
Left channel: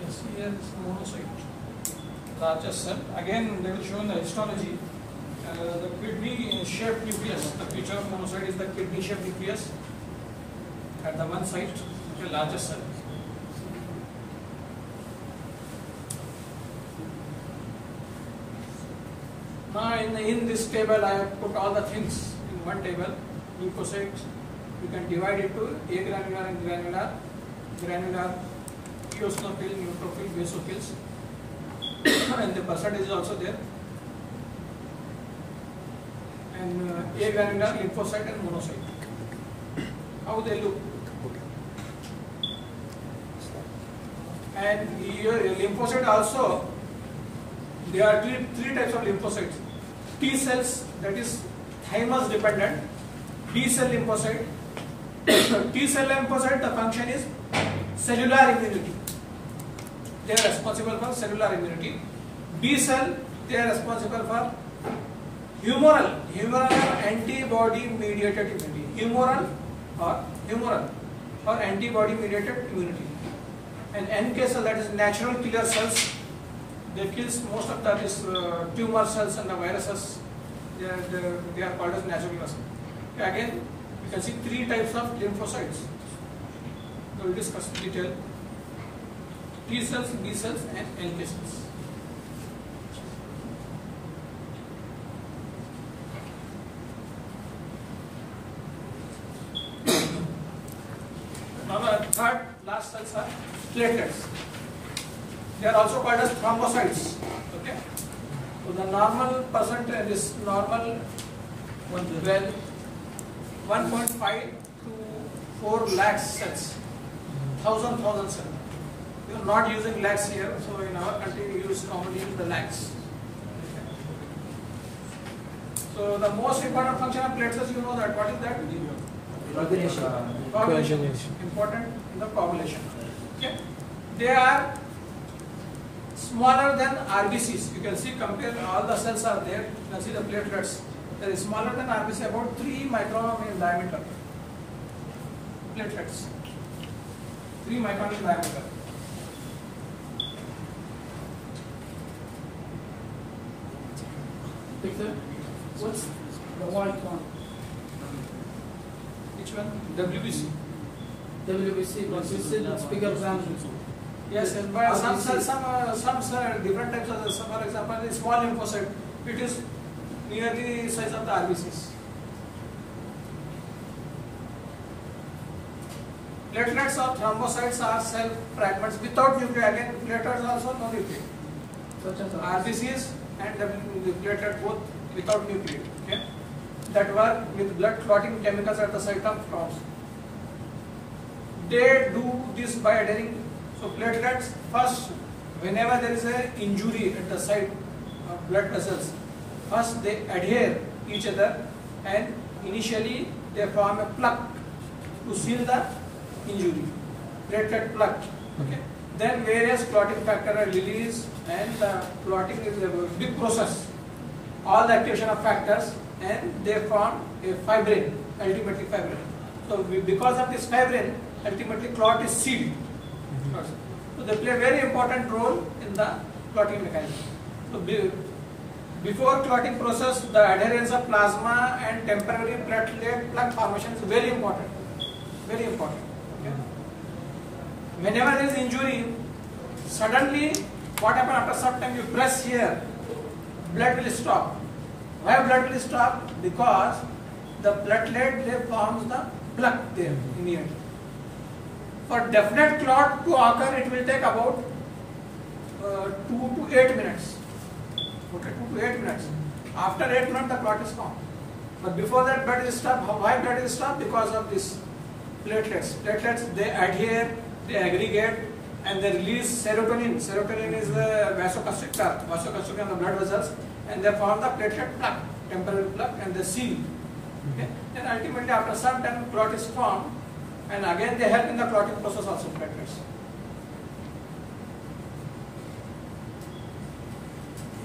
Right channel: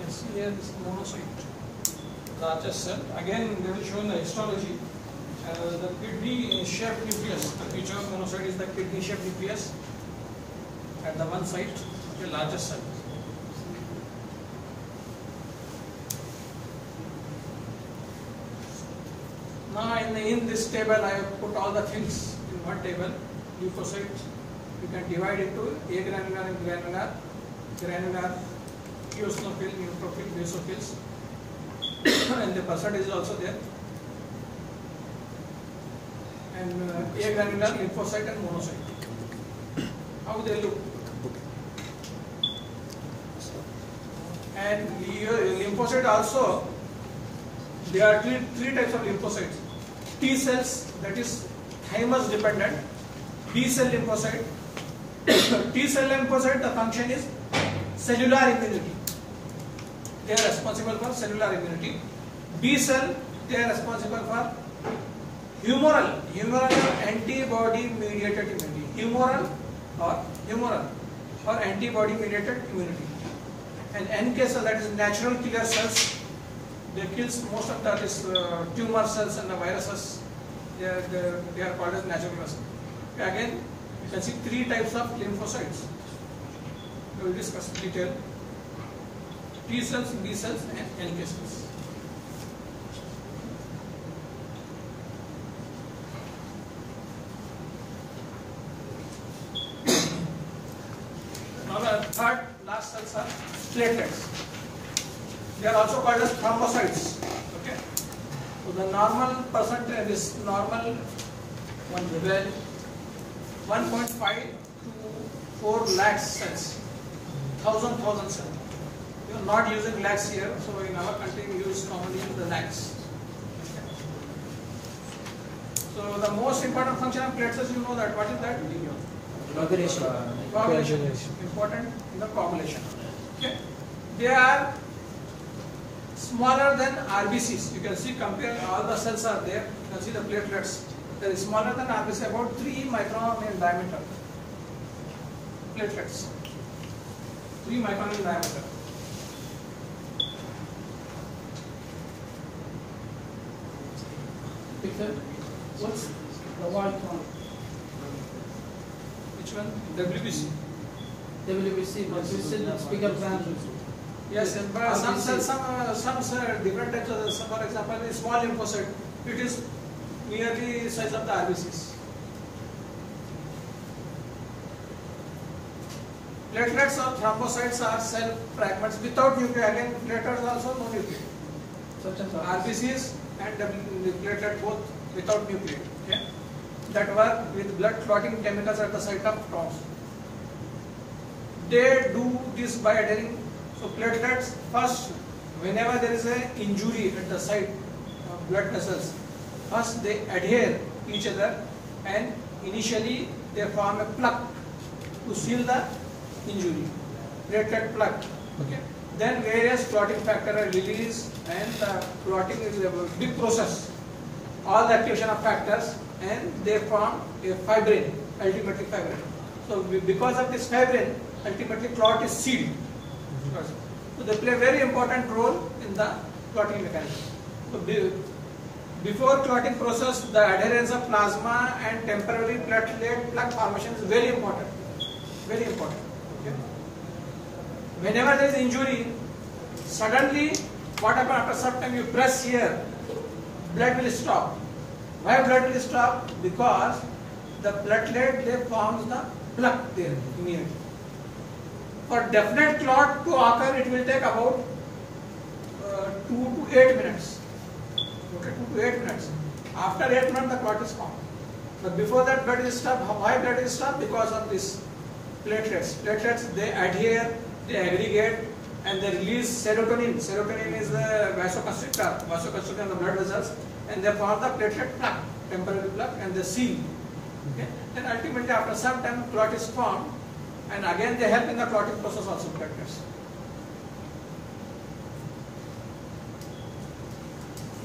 Yes, here is monocyte, largest cell. Again, they will show in the histology. The kidney-shaped nucleus. The feature of monocyte is the kidney-shaped nucleus at the one site, the largest cell. Now, in this table, I have put all the things in one table. Leukocytes, you can divide into agranular and granular. Granular, eosinophil, neutrophil, basophils, and the percentage is also there. And agranular, lymphocyte and monocyte. How they look? And the lymphocyte also, there are three types of lymphocytes. T cells, that is thymus dependent. B cell lymphocyte. T cell lymphocyte, the function is cellular immunity. They are responsible for cellular immunity. B cell, they are responsible for humoral antibody mediated immunity. Humoral or antibody mediated immunity. And NK cell, that is natural killer cells. They kills most of the tumor cells and the viruses. They are called as natural killer cells. Again, you can see three types of lymphocytes. We will discuss in detail. T cells, B cells, and NK cells. Now the third last cells are platelets. They are also called as thrombocytes. Okay. So the normal percentage is normal 1.5 to 4 lakhs cells. Thousand cells. We are not using lakhs here, so in our country we use commonly the lakhs. So the most important function of platelets, you know that. What is that? Coagulation. Important in the coagulation. Okay. They are smaller than RBCs. You can see, compare all the cells are there. You can see the platelets. They are smaller than RBC, about 3 micron in diameter. Platelets. 3 micron in diameter. Victor, what's the white one? Which one? WBC. WBC, but we said it's bigger than. Yes, but some different types of cells. For example, the small lymphocyte, it is nearly the size of the RBCs. Platelets or thrombocytes are cell fragments without nuclei. Again, platelets also no nuclei. Such as RBCs and the platelet both without nuclei. Okay? That work with blood clotting chemicals at the site of stones. They do this by adhering. So platelets, first, whenever there is an injury at the site of blood vessels, first they adhere each other and initially they form a plug to seal the injury. Platelet plug. Okay. Then various clotting factors are released and the clotting is a big process. All the activation of factors and they form a fibrin, ultimately fibrin. So because of this fibrin, ultimately clot is sealed. So they play a very important role in the clotting mechanism. So before clotting process, the adherence of plasma and temporary platelet plug formation is very important. Very important. Okay. Whenever there is injury, suddenly what happens after some time, you press here, blood will stop. Why blood will stop? Because the platelet they forms the plug there near. For definite clot to occur, it will take about 2 to 8 minutes. Okay, 2 to 8 minutes. After 8 minutes, the clot is formed. But before that, blood is stopped. Why blood is stopped? Because of this platelets. Platelets, they adhere, they aggregate, and they release serotonin. Serotonin is a vasoconstrictor in the blood vessels, and they form the platelet plug, temporary plug, and they seal. Okay? Then ultimately ultimately after some time clot is formed, and again they help in the clotting process also, platelets.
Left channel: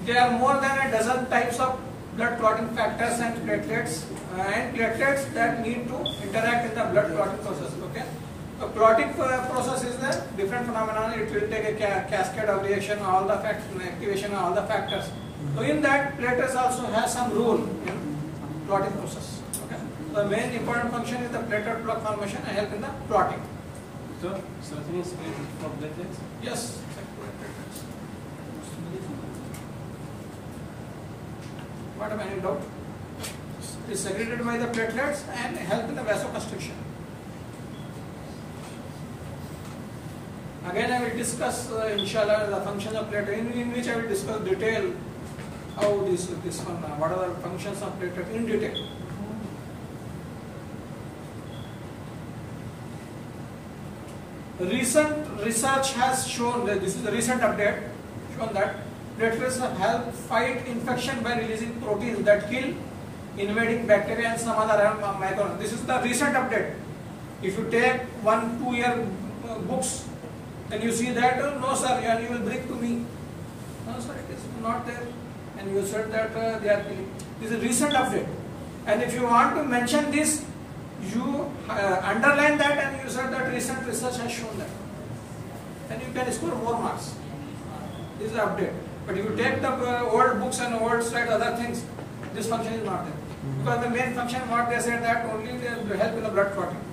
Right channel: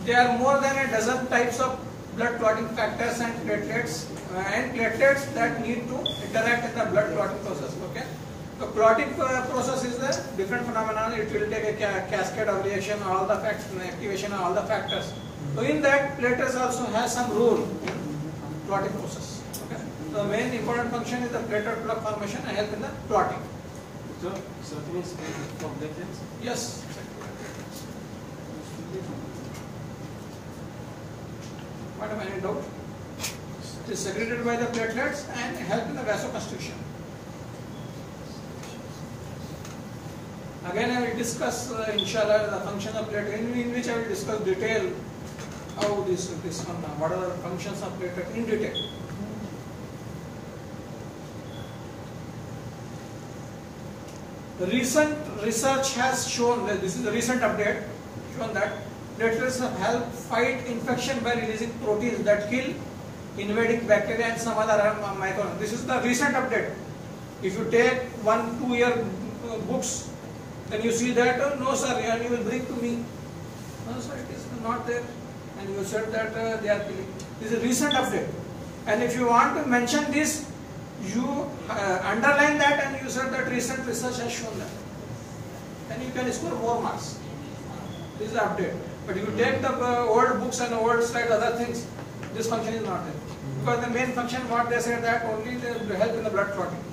There are more than a dozen types of blood clotting factors and platelets that need to interact in the blood clotting process. Okay, the clotting process is a different phenomenon. It will take a cascade of reaction, all the activation of all the factors. So in that, platelets also has some role in clotting process. Okay, the main important function is the platelet plug formation and help in the clotting. So, something is secreted from platelets? Yes. What am I in doubt? It is secreted by the platelets and help in the vasoconstriction. Again, I will discuss, inshallah, the function of platelet, in which I will discuss detail how this one, what are the functions of platelet in detail. Recent research has shown that this is the recent update, shown that platelets have helped fight infection by releasing proteins that kill invading bacteria and some other microorganisms. This is the recent update. If you take 1-2 year books, then you see that, oh, no sir, you will bring to me. No sir, it is not there. And you said that they are killing. This is a recent update. And if you want to mention this, you underline that and you said that recent research has shown that. Then you can score more marks. This is the update. But you take the old books and old slides, other things, this function is not there. Because the main function, what they said that only they help in the blood clotting.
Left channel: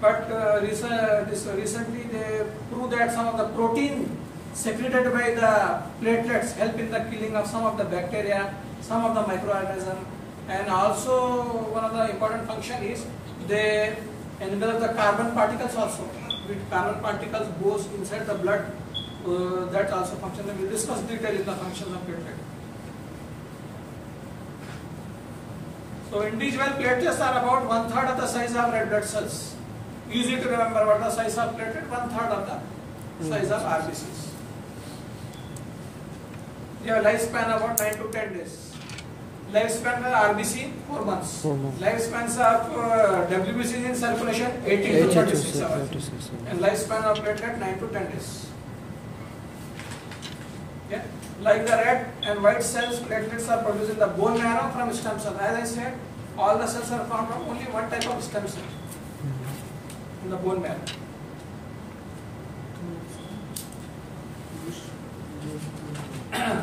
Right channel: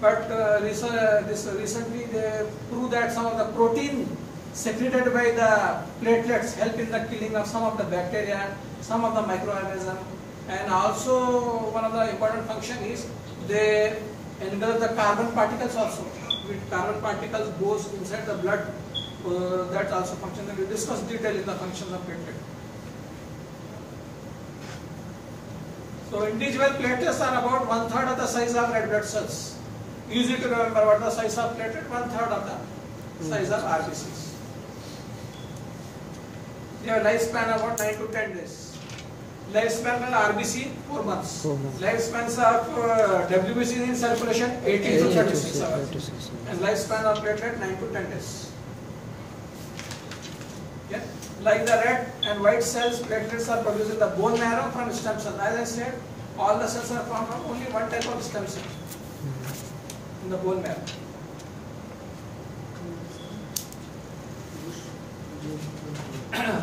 But recently they proved that some of the protein secreted by the platelets help in the killing of some of the bacteria, some of the microorganisms, and also one of the important function is they envelop the carbon particles also. With carbon particles goes inside the blood, that also function. We will discuss detail in the functions of platelet. So individual platelets are about 1/3 of the size of red blood cells. Easy to remember what the size of platelet, 1/3 of the size of RBCs. They have lifespan about 9 to 10 days. Lifespan of RBC 4 months. 4 months. Lifespans of WBC in circulation 18 to 36 hours. And lifespan of platelet 9 to 10 days. Yeah. Like the red and white cells, platelets are produced in the bone marrow from stem cells. As I said, all the cells are formed from only one type of stem cell in the bone marrow.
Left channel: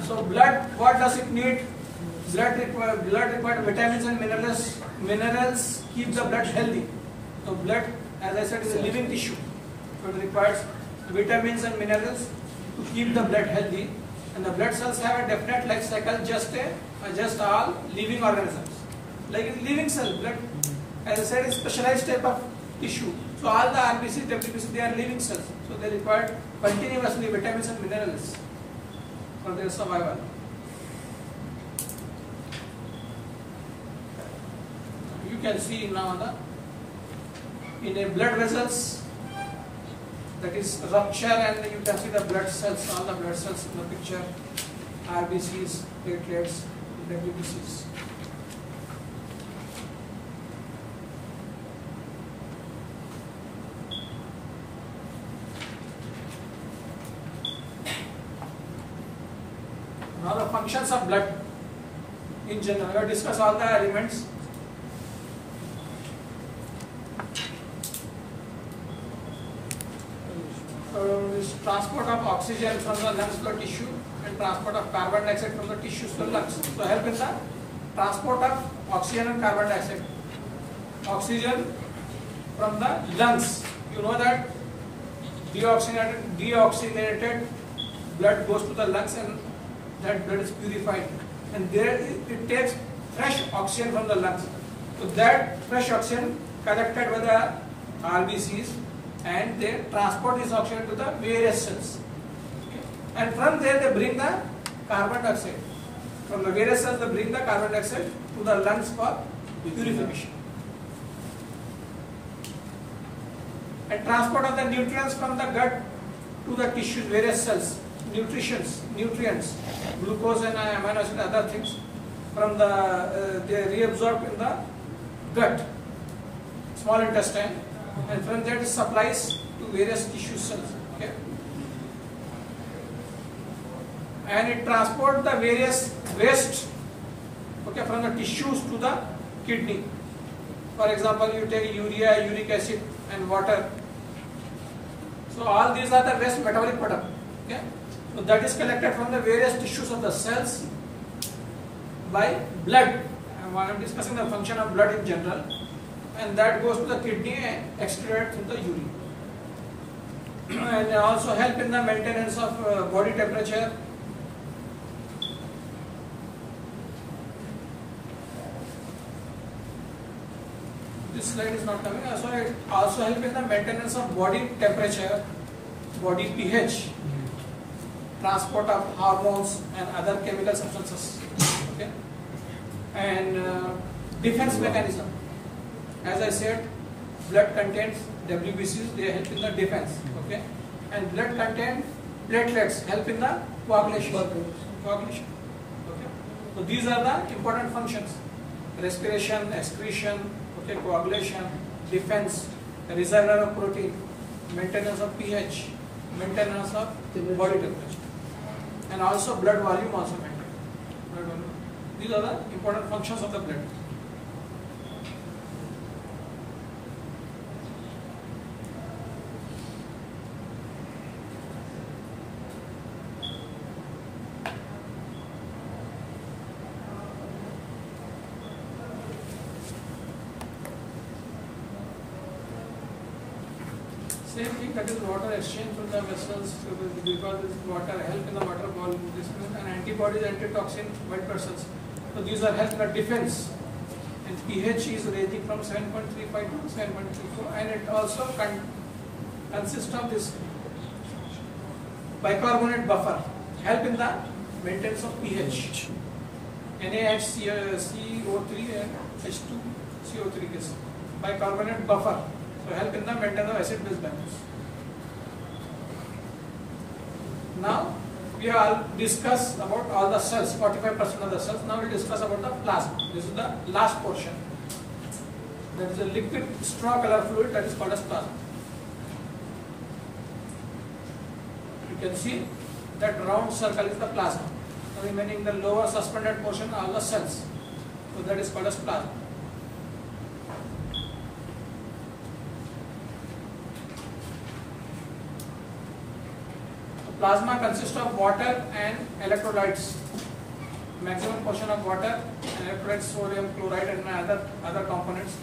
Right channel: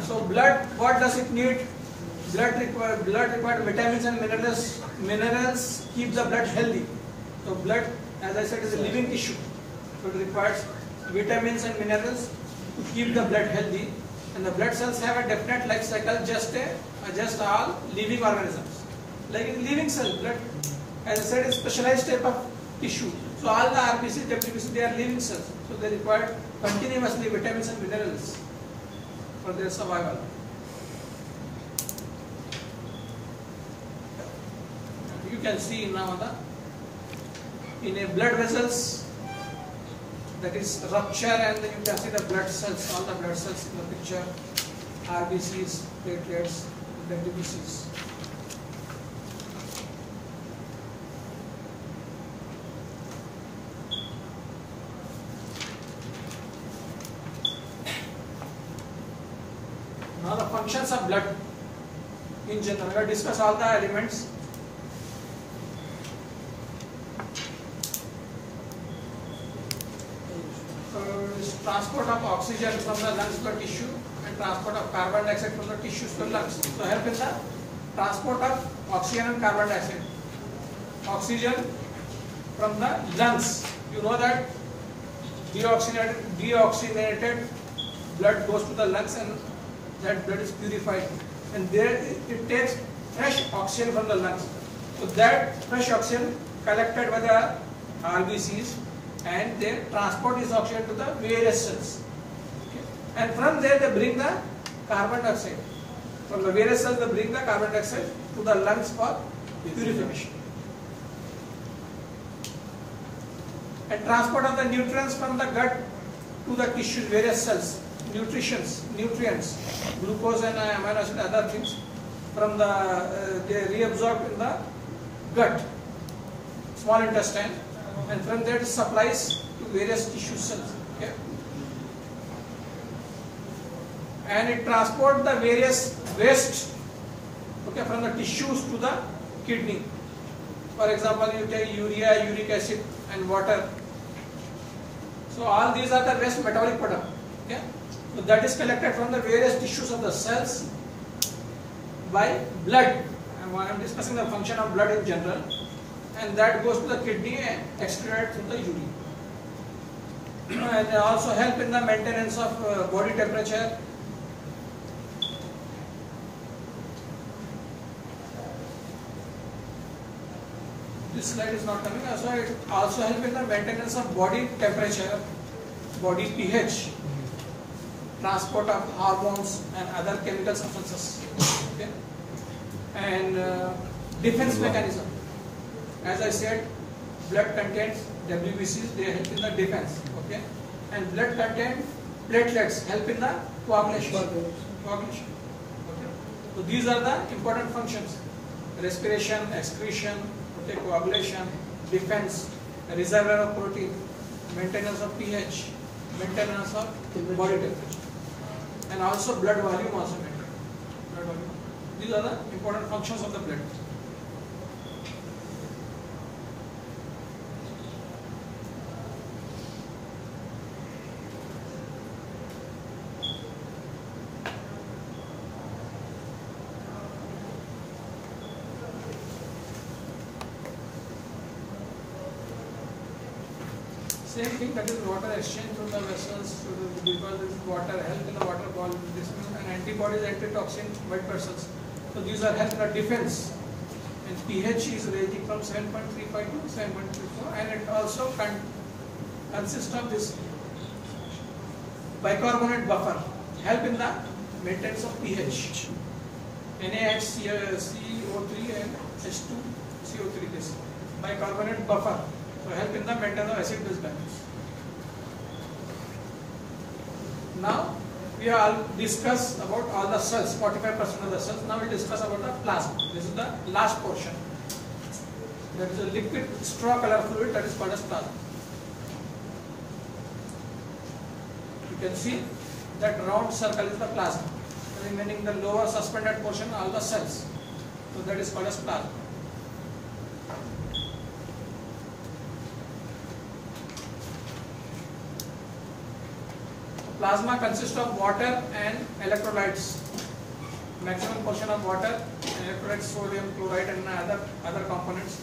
So blood, what does it need? Blood requires vitamins and minerals. Minerals keep the blood healthy. So blood, as I said, is a living tissue. So it requires vitamins and minerals to keep the blood healthy. And the blood cells have a definite life cycle, just all living organisms. Like in living cell, blood, as I said, is specialized type of tissue. So all the RBC, WBC, they are living cells. So they require continuously vitamins and minerals for their survival. You can see now in a blood vessels that is rupture, and you can see the blood cells, all the blood cells in the picture, RBCs, platelets, WBCs. Now the functions of blood in general. We will discuss all the elements. So this transport of oxygen from the lungs to the tissue and transport of carbon dioxide from the tissues to the lungs. So help in the transport of oxygen and carbon dioxide. Oxygen from the lungs. You know that deoxygenated blood goes to the lungs and that blood is purified, and there it takes fresh oxygen from the lungs. So that fresh oxygen collected by the RBCs, and they transport this oxygen to the various cells. Okay. And from there they bring the carbon dioxide. From the various cells they bring the carbon dioxide to the lungs for purification. And transport of the nutrients from the gut to the tissue, various cells. Nutrients, glucose and amino acid, other things from the they reabsorb in the gut, small intestine, and from that it supplies to various tissue cells. Okay? And it transports the various waste, okay, from the tissues to the kidney. For example, you take urea, uric acid, and water. So all these are the waste metabolic product. Okay? So that is collected from the various tissues of the cells by blood. And I am discussing the function of blood in general, and that goes to the kidney and excreted through the urine. And they also help in the maintenance of body temperature. This slide is not coming. So it also helps in the maintenance of body temperature, body pH, transport of hormones and other chemical substances. Okay? And defense mechanism. As I said, blood contains WBCs, they help in the defense. Okay? And blood contains platelets, help in the coagulation. Okay? So these are the important functions: respiration, excretion, okay, coagulation, defense, reservoir of protein, maintenance of pH, maintenance of body temperature, and also blood volume also maintained. These are the important functions of the blood. Same thing, that is water exchange through the vessels, because this water help in the water ball, this is an antibodies, antitoxin, white blood cells. So these are help in the defense. And pH is ranging from 7.35 to 7.34, and it also consists of this bicarbonate buffer, help in the maintenance of pH. NaHCO3 and H2CO3 is bicarbonate buffer. So help in the maintenance of acid-base balance. Now we have discussed about all the cells, 45% of the cells. Now we discuss about the plasma. This is the last portion. There is a liquid straw color fluid that is called as plasma. You can see that round circle is the plasma. Remaining the lower suspended portion are all the cells. So that is called as plasma. Plasma consists of water and electrolytes. Maximum portion of water and electrolytes, sodium, chloride, and other components.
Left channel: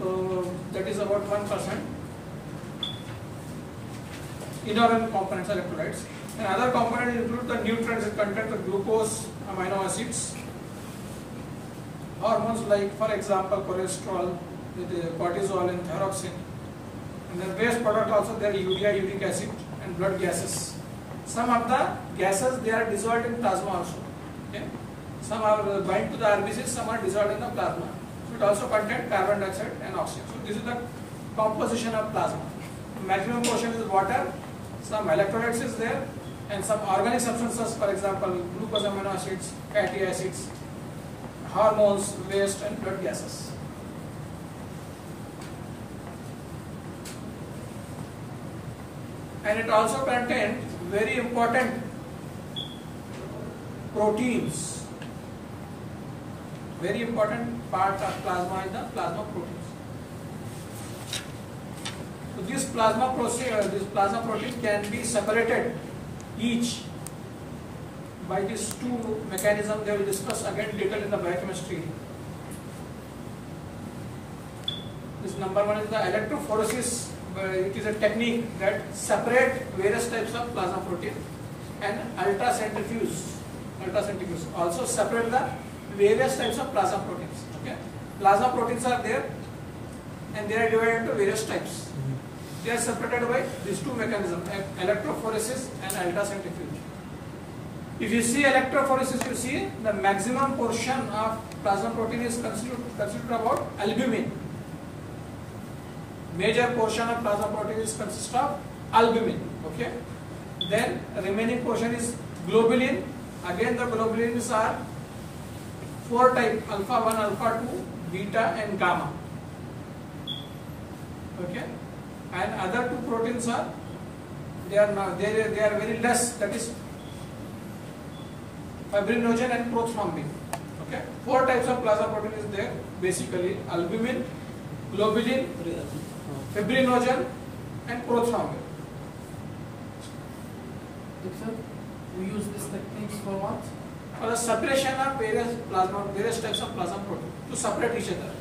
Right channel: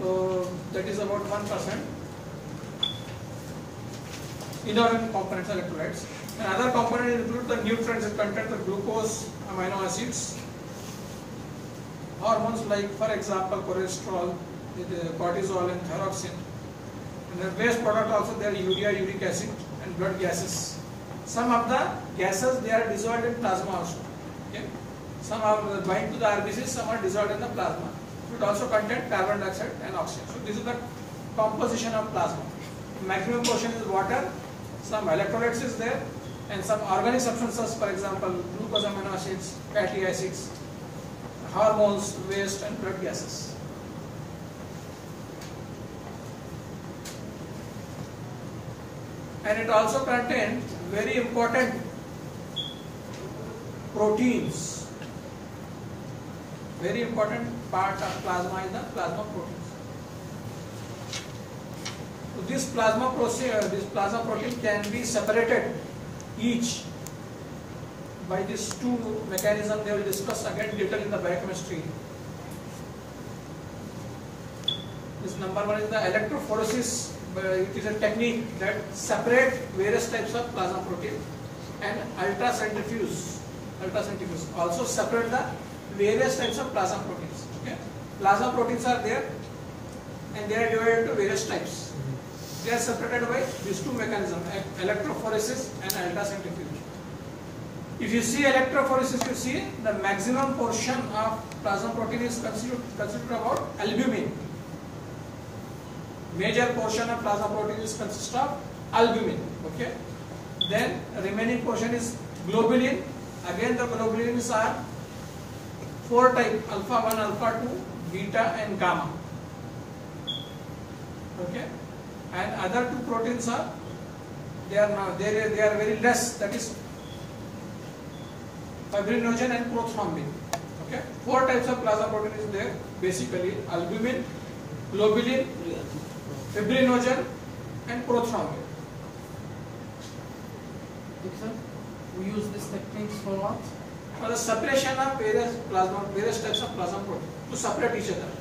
So that is about 1%. Inorganic components, electrolytes. And other components include the nutrients that contain the glucose, amino acids, hormones like, for example, cholesterol, with cortisol and thyroxine. And the waste product also there, urea, uric acid, and blood gases. Some of the gases, they are dissolved in plasma also. Okay? Some are bind to the RBCs, some are dissolved in the plasma. It also contains carbon dioxide and oxygen. So this is the composition of plasma. The maximum portion is water, some electrolytes is there, and some organic substances, for example, glucose, amino acids, fatty acids, hormones, waste, and blood gases. And it also contains very important proteins. Very important part of plasma is the plasma proteins. So this plasma protein can be separated each by these two mechanisms. They will discuss again detail in the biochemistry. This number one is the electrophoresis. It is a technique that separate various types of plasma protein, and ultracentrifuge also separate the various types of plasma proteins. Okay? Plasma proteins are there, and they are divided into various types. They are separated by these two mechanisms, electrophoresis and ultracentrifuge. If you see electrophoresis, you see the maximum portion of plasma protein is considered about albumin. Major portion of plasma protein is consist of albumin. Okay. Then remaining portion is globulin. Again, the globulins are 4 types: alpha 1, alpha 2, beta, and gamma. Okay, and other two proteins are they are very less. That is fibrinogen and prothrombin. Okay, 4 types of plasma protein is there basically: albumin, globulin, fibrinogen, and prothrombin. Doctor, we use these techniques for what? For the separation of various types of plasma protein to separate each other.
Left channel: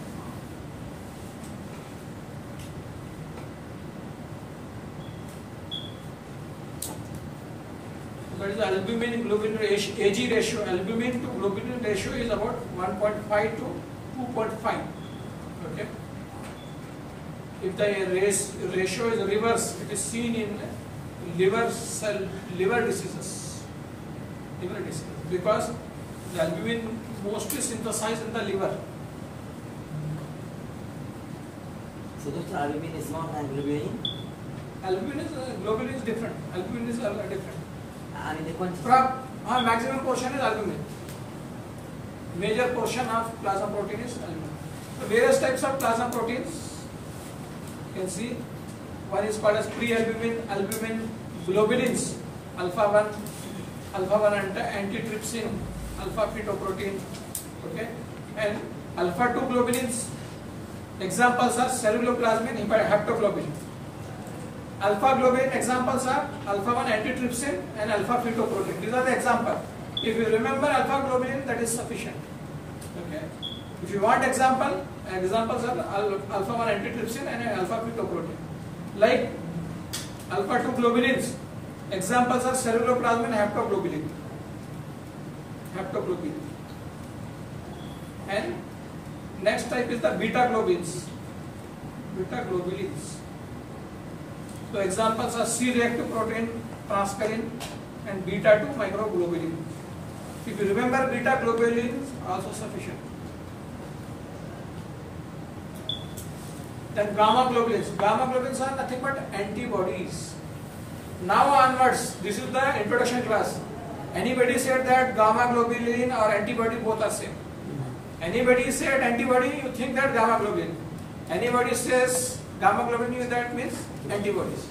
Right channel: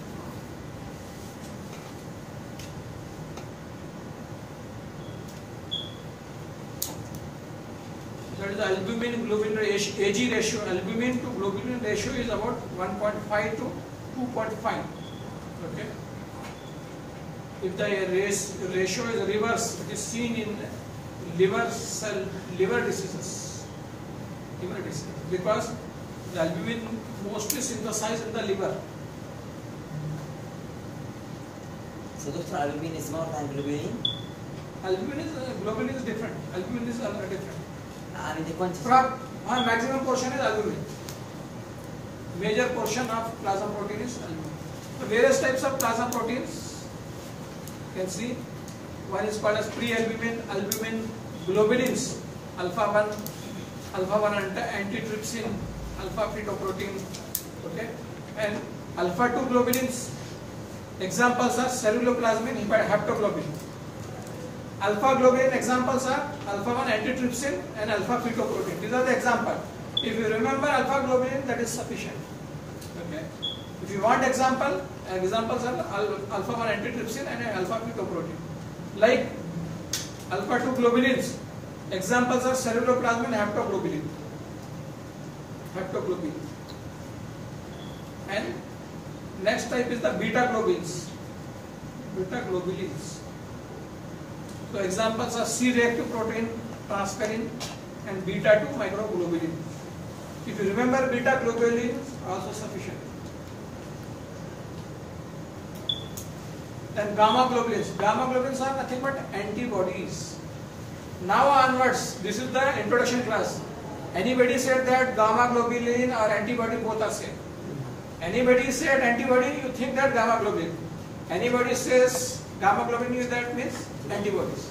That is the albumin globulin AG ratio. Albumin to globulin ratio is about 1.5 to 2.5. Okay. If the ratio is reverse, it is seen in liver diseases. Because the albumin mostly synthesized in the liver. So Dr. Albumin is more than globulin? Globulin is different. Albumin is different. I mean the quantity. Maximum portion is albumin. Major portion of plasma protein is albumin. So various types of plasma proteins. You can see one is called as pre-albumin, albumin, globulins, alpha 1 antitrypsin, alpha fetoprotein, okay, and alpha 2 globulins. Examples are ceruloplasmin, haptoglobin. Alpha globulin examples are alpha 1 antitrypsin and alpha fetoprotein. These are the examples. If you remember alpha globulin, that is sufficient. Okay. If you want examples are alpha 1 antitrypsin and alpha fetoprotein. Like alpha 2 globulins, examples are ceruloplasmin, haptoglobin. And next type is the beta globulins. So examples are C-reactive protein, transferrin, and beta 2 microglobulin. If you remember, beta globulin is also sufficient. Then gamma globulins. Gamma globulins are nothing but antibodies. Now onwards, this is the introduction class. Anybody said that gamma globulin or antibody both are same? Anybody said antibody, you think that gamma globulin. Anybody says gamma globulin, that means antibodies.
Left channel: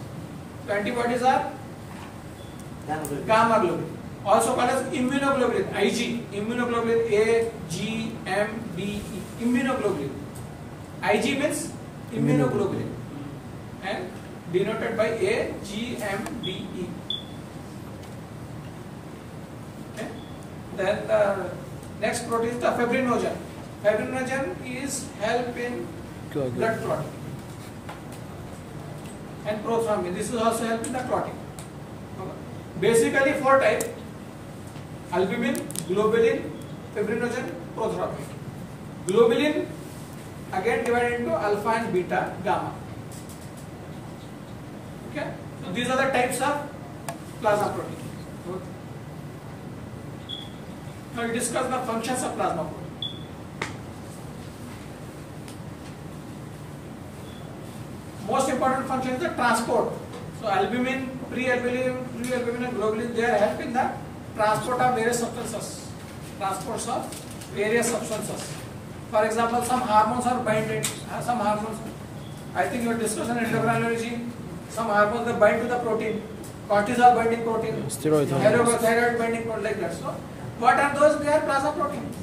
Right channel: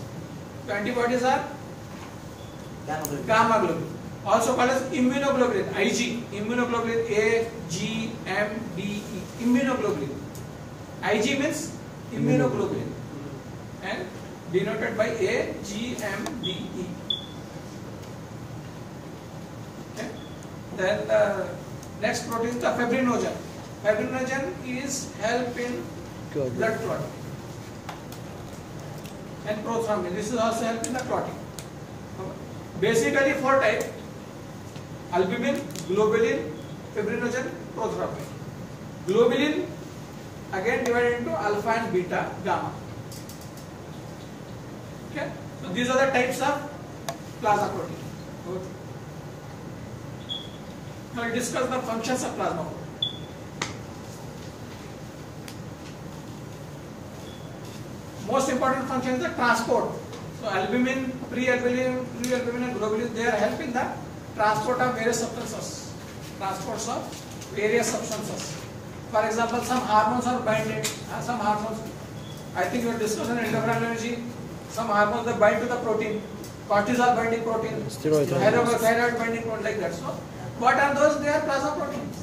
So antibodies are gamma globulin. Also called as immunoglobulin, Ig. Immunoglobulin A, G, M, D, E. Immunoglobulin. Ig means immunoglobulin. And denoted by A, G, M, D, E. Okay. Then the next protein is the fibrinogen. Fibrinogen is help in blood clotting. And prothrombin. This is also help in the clotting. Basically 4 types: albumin, globulin, fibrinogen, prothrombin. Globulin again divided into alpha and beta, gamma. Okay. So these are the types of plasma protein. Good. Now we discuss the functions of plasma protein. Most important function is the transport. So albumin, pre-albumin and globulin, they are helping the transport of various substances. Transports of various substances. For example, some hormones are binded. Some hormones, I think you discussed in endocrinology. Some hormones that bind to the protein. Cortisol binding protein. Steroid. Thyroid binding protein, like that. So what are those? They are plasma proteins.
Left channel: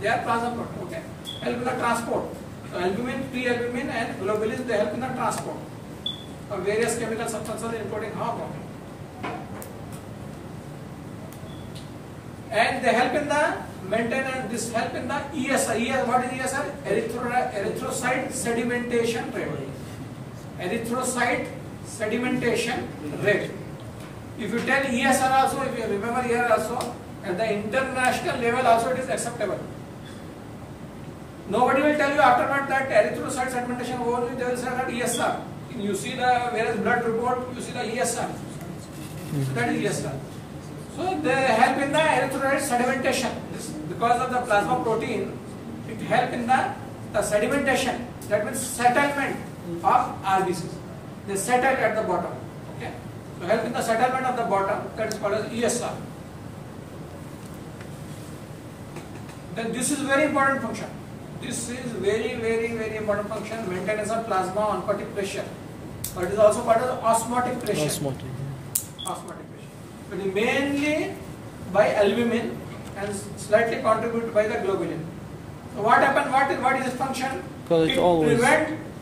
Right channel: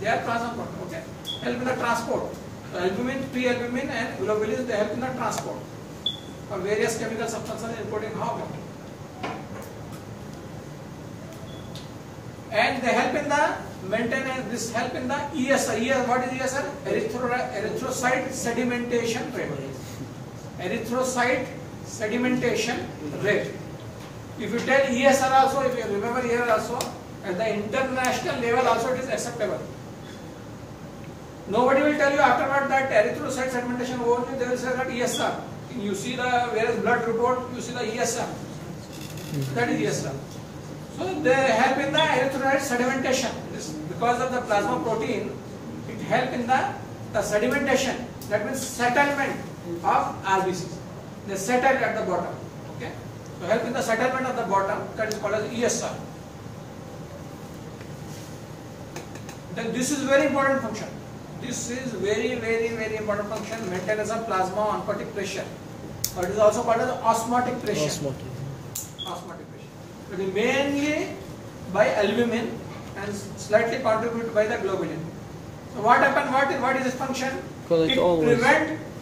They are plasma proteins. Okay. Help in the transport. So albumin, pre-albumin and globulin, they help in the transport of various chemical substances including hormone. And they help in the maintenance, this help in the ESR. What is ESR? Erythrocyte sedimentation rate. Erythrocyte sedimentation rate. If you tell ESR also, if you remember here also, at the international level also it is acceptable. Nobody will tell you afterward that erythrocyte sedimentation only, they will say that ESR. You see the various blood report, you see the ESR. That is ESR. So they help in the erythrocyte sedimentation. Because of the plasma protein, it helps in the sedimentation. That means settlement of RBCs. They settle at the bottom. Okay. So help in the settlement of the bottom, that is called as ESR. Then this is very important function. This is very, very, very important function, maintenance of plasma oncotic pressure. Or it is also called as osmotic pressure. Osmotic. Osmotic pressure. It is mainly by albumin and slightly contributed by the globulin. So what happened? What is its function? Because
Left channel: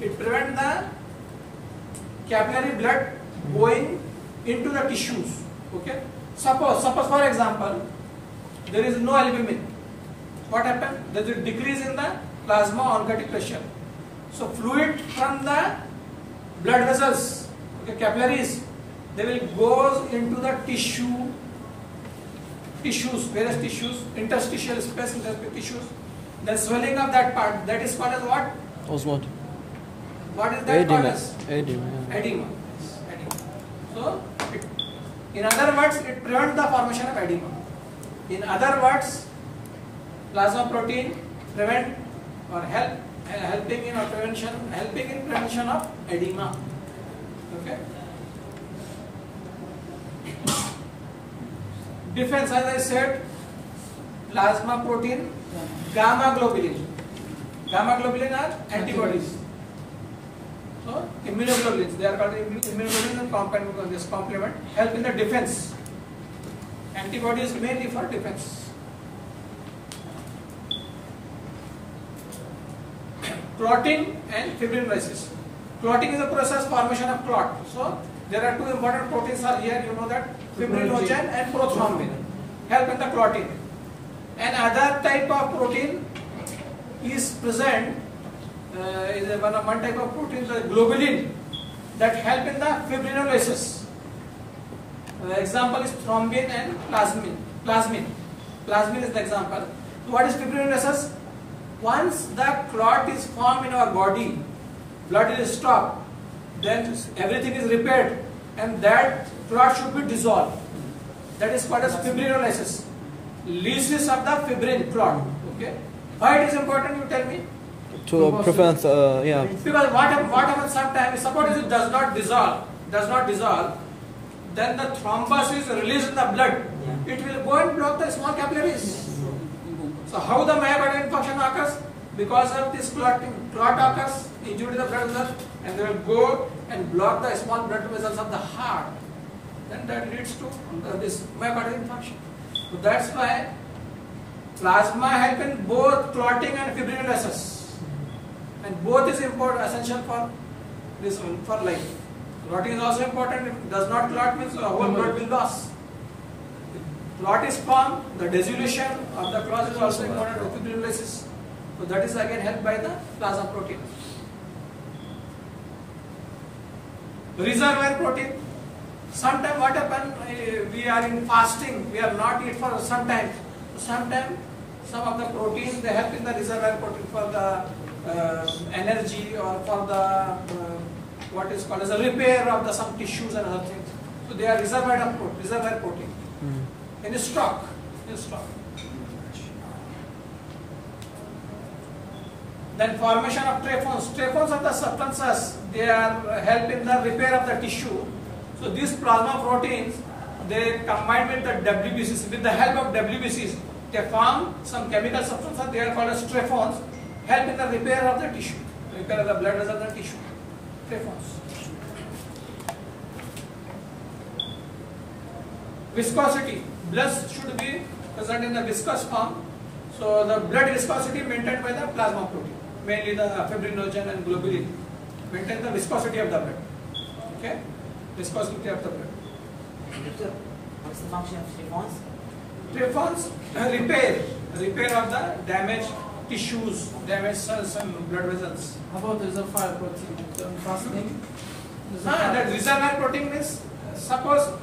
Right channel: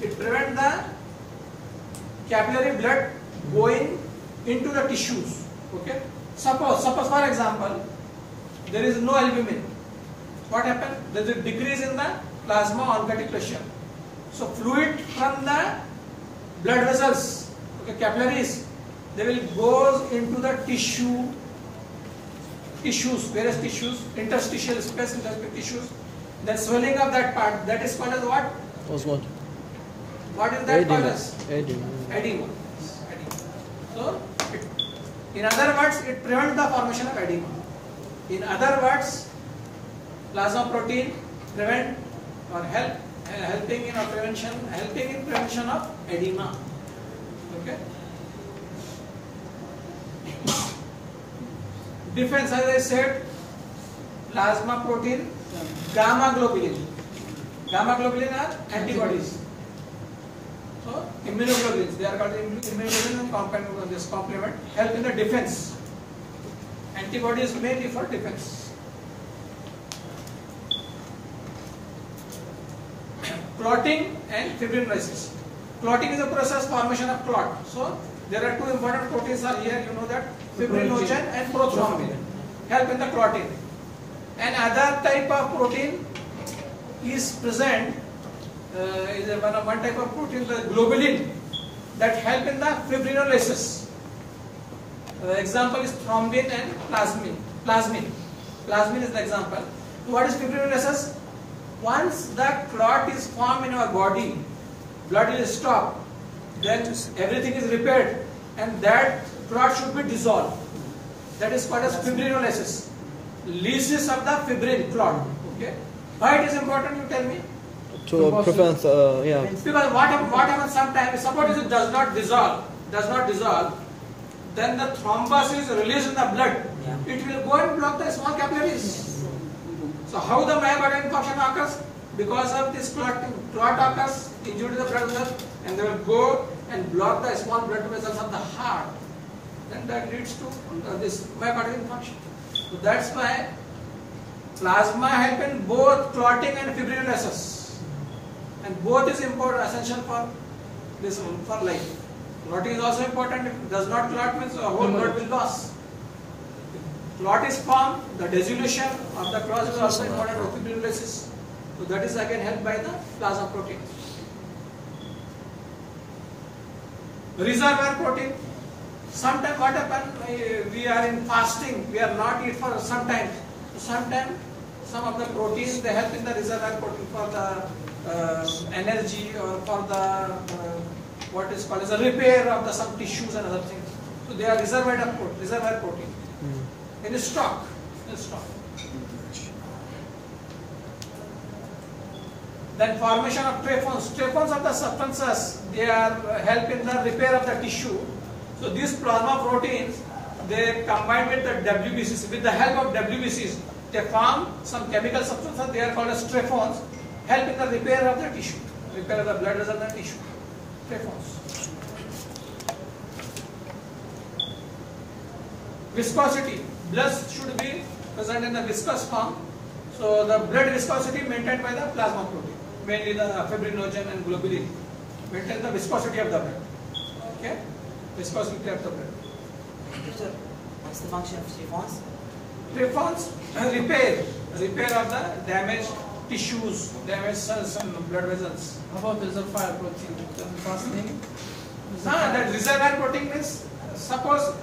It prevent the capillary blood going into the tissues. Okay. Suppose for example, there is no albumin. What happened? There is a decrease in the plasma oncotic pressure. So fluid from the blood vessels, okay, capillaries, they will go into the tissues, various tissues, interstitial space, interstitial tissues. The swelling of that part, that is called as what? Osmotic. What is that called Edema. as? Edema. Edema. So, in other words, it prevents the formation of edema. In other words, plasma protein prevent or helping in prevention of edema. Okay. Defense, as I said, plasma protein, gamma globulin. Gamma globulin are antibodies. So immunoglobulins, they are called immunoglobulins and complement help in the defense. Antibodies mainly for defense. Clotting and fibrinolysis. Clotting is a process formation of clot. So there are two important proteins are here. You know that fibrinogen and prothrombin help in the clotting. Another type of protein is present. Is one type of protein, the globulin, that help in the fibrinolysis. The example is thrombin and plasmin. Plasmin is the example. So what is fibrinolysis? Once the clot is formed in our body, blood is stopped, then everything is repaired, and that clot should be dissolved. That is called as fibrinolysis. Lysis of the fibrin clot. Okay. Why it is important? You tell me. To prevent, yeah. Because what happens sometimes, suppose it does not dissolve, then the thrombus is released in the blood. Yeah. It will go and block the small capillaries. So how the myocardial infarction occurs? Because of this clot occurs, injury to the blood vessel, and they will go and block the small blood vessels of the heart. Then that leads to this myocardial infarction. So that's why plasma help in both clotting and fibrinolysis. And both is important, essential for this for life. Clotting is also important. If it does not clot, means whole blood will loss. If clot is formed, the dissolution of the clot is also important for fibrinolysis. So that is again helped by the plasma protein. Reservoir protein. Sometimes what happens? We are in fasting. We are not eat for some time. Sometimes some of the proteins they help in the reservoir protein for the energy or for the what is called as a repair of the some tissues and other things. So they are reservoir protein. In stock. Then formation of trephons. Trephons are the substances. They are help in the repair of the tissue. So these plasma proteins they combine with the WBCs. With the help of WBCs, they form some chemical substances. They are called as trephons. Help in the repair of the tissue, repair of the blood vessels and tissue. Trephons. Viscosity. Blood should be present in the viscous form. So the blood viscosity maintained by the plasma protein, mainly the fibrinogen and globulin, maintain the viscosity of the blood. Okay, viscosity of the blood. Doctor, what's the function of trephons? Trephons repair of the damaged tissues, damaged cells and blood vessels. How about the reservoir protein? Fasting? The reservoir protein means, suppose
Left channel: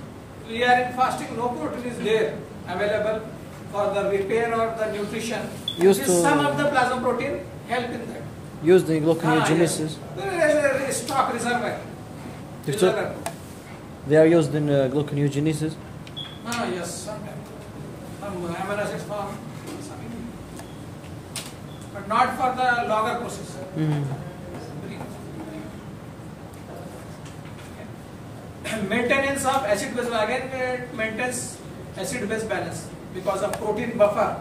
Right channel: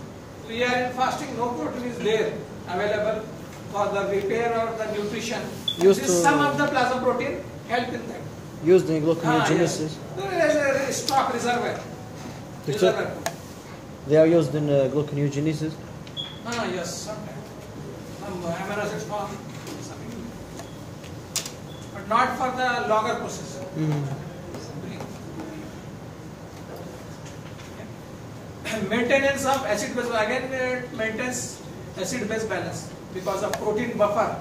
we are in fasting, no protein is there available for the repair or the nutrition. Some of the plasma protein help in that. Used in gluconeogenesis. There is stock reservoir. They are used in gluconeogenesis. Yes, sometimes. Some amino acids form. But not for the longer process. Maintenance of acid base, again it maintains acid base balance because of protein buffer.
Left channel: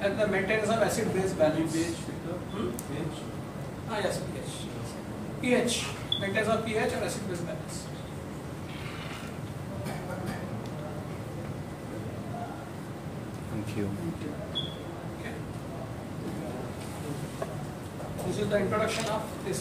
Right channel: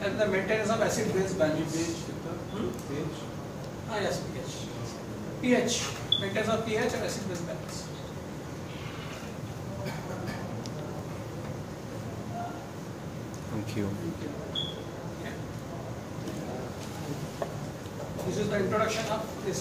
and the maintenance of acid-base balance. pH, Victor? Hmm? pH? Yes, pH. pH, maintenance of pH and acid-base balance. Thank you. Okay. This is the introduction of this.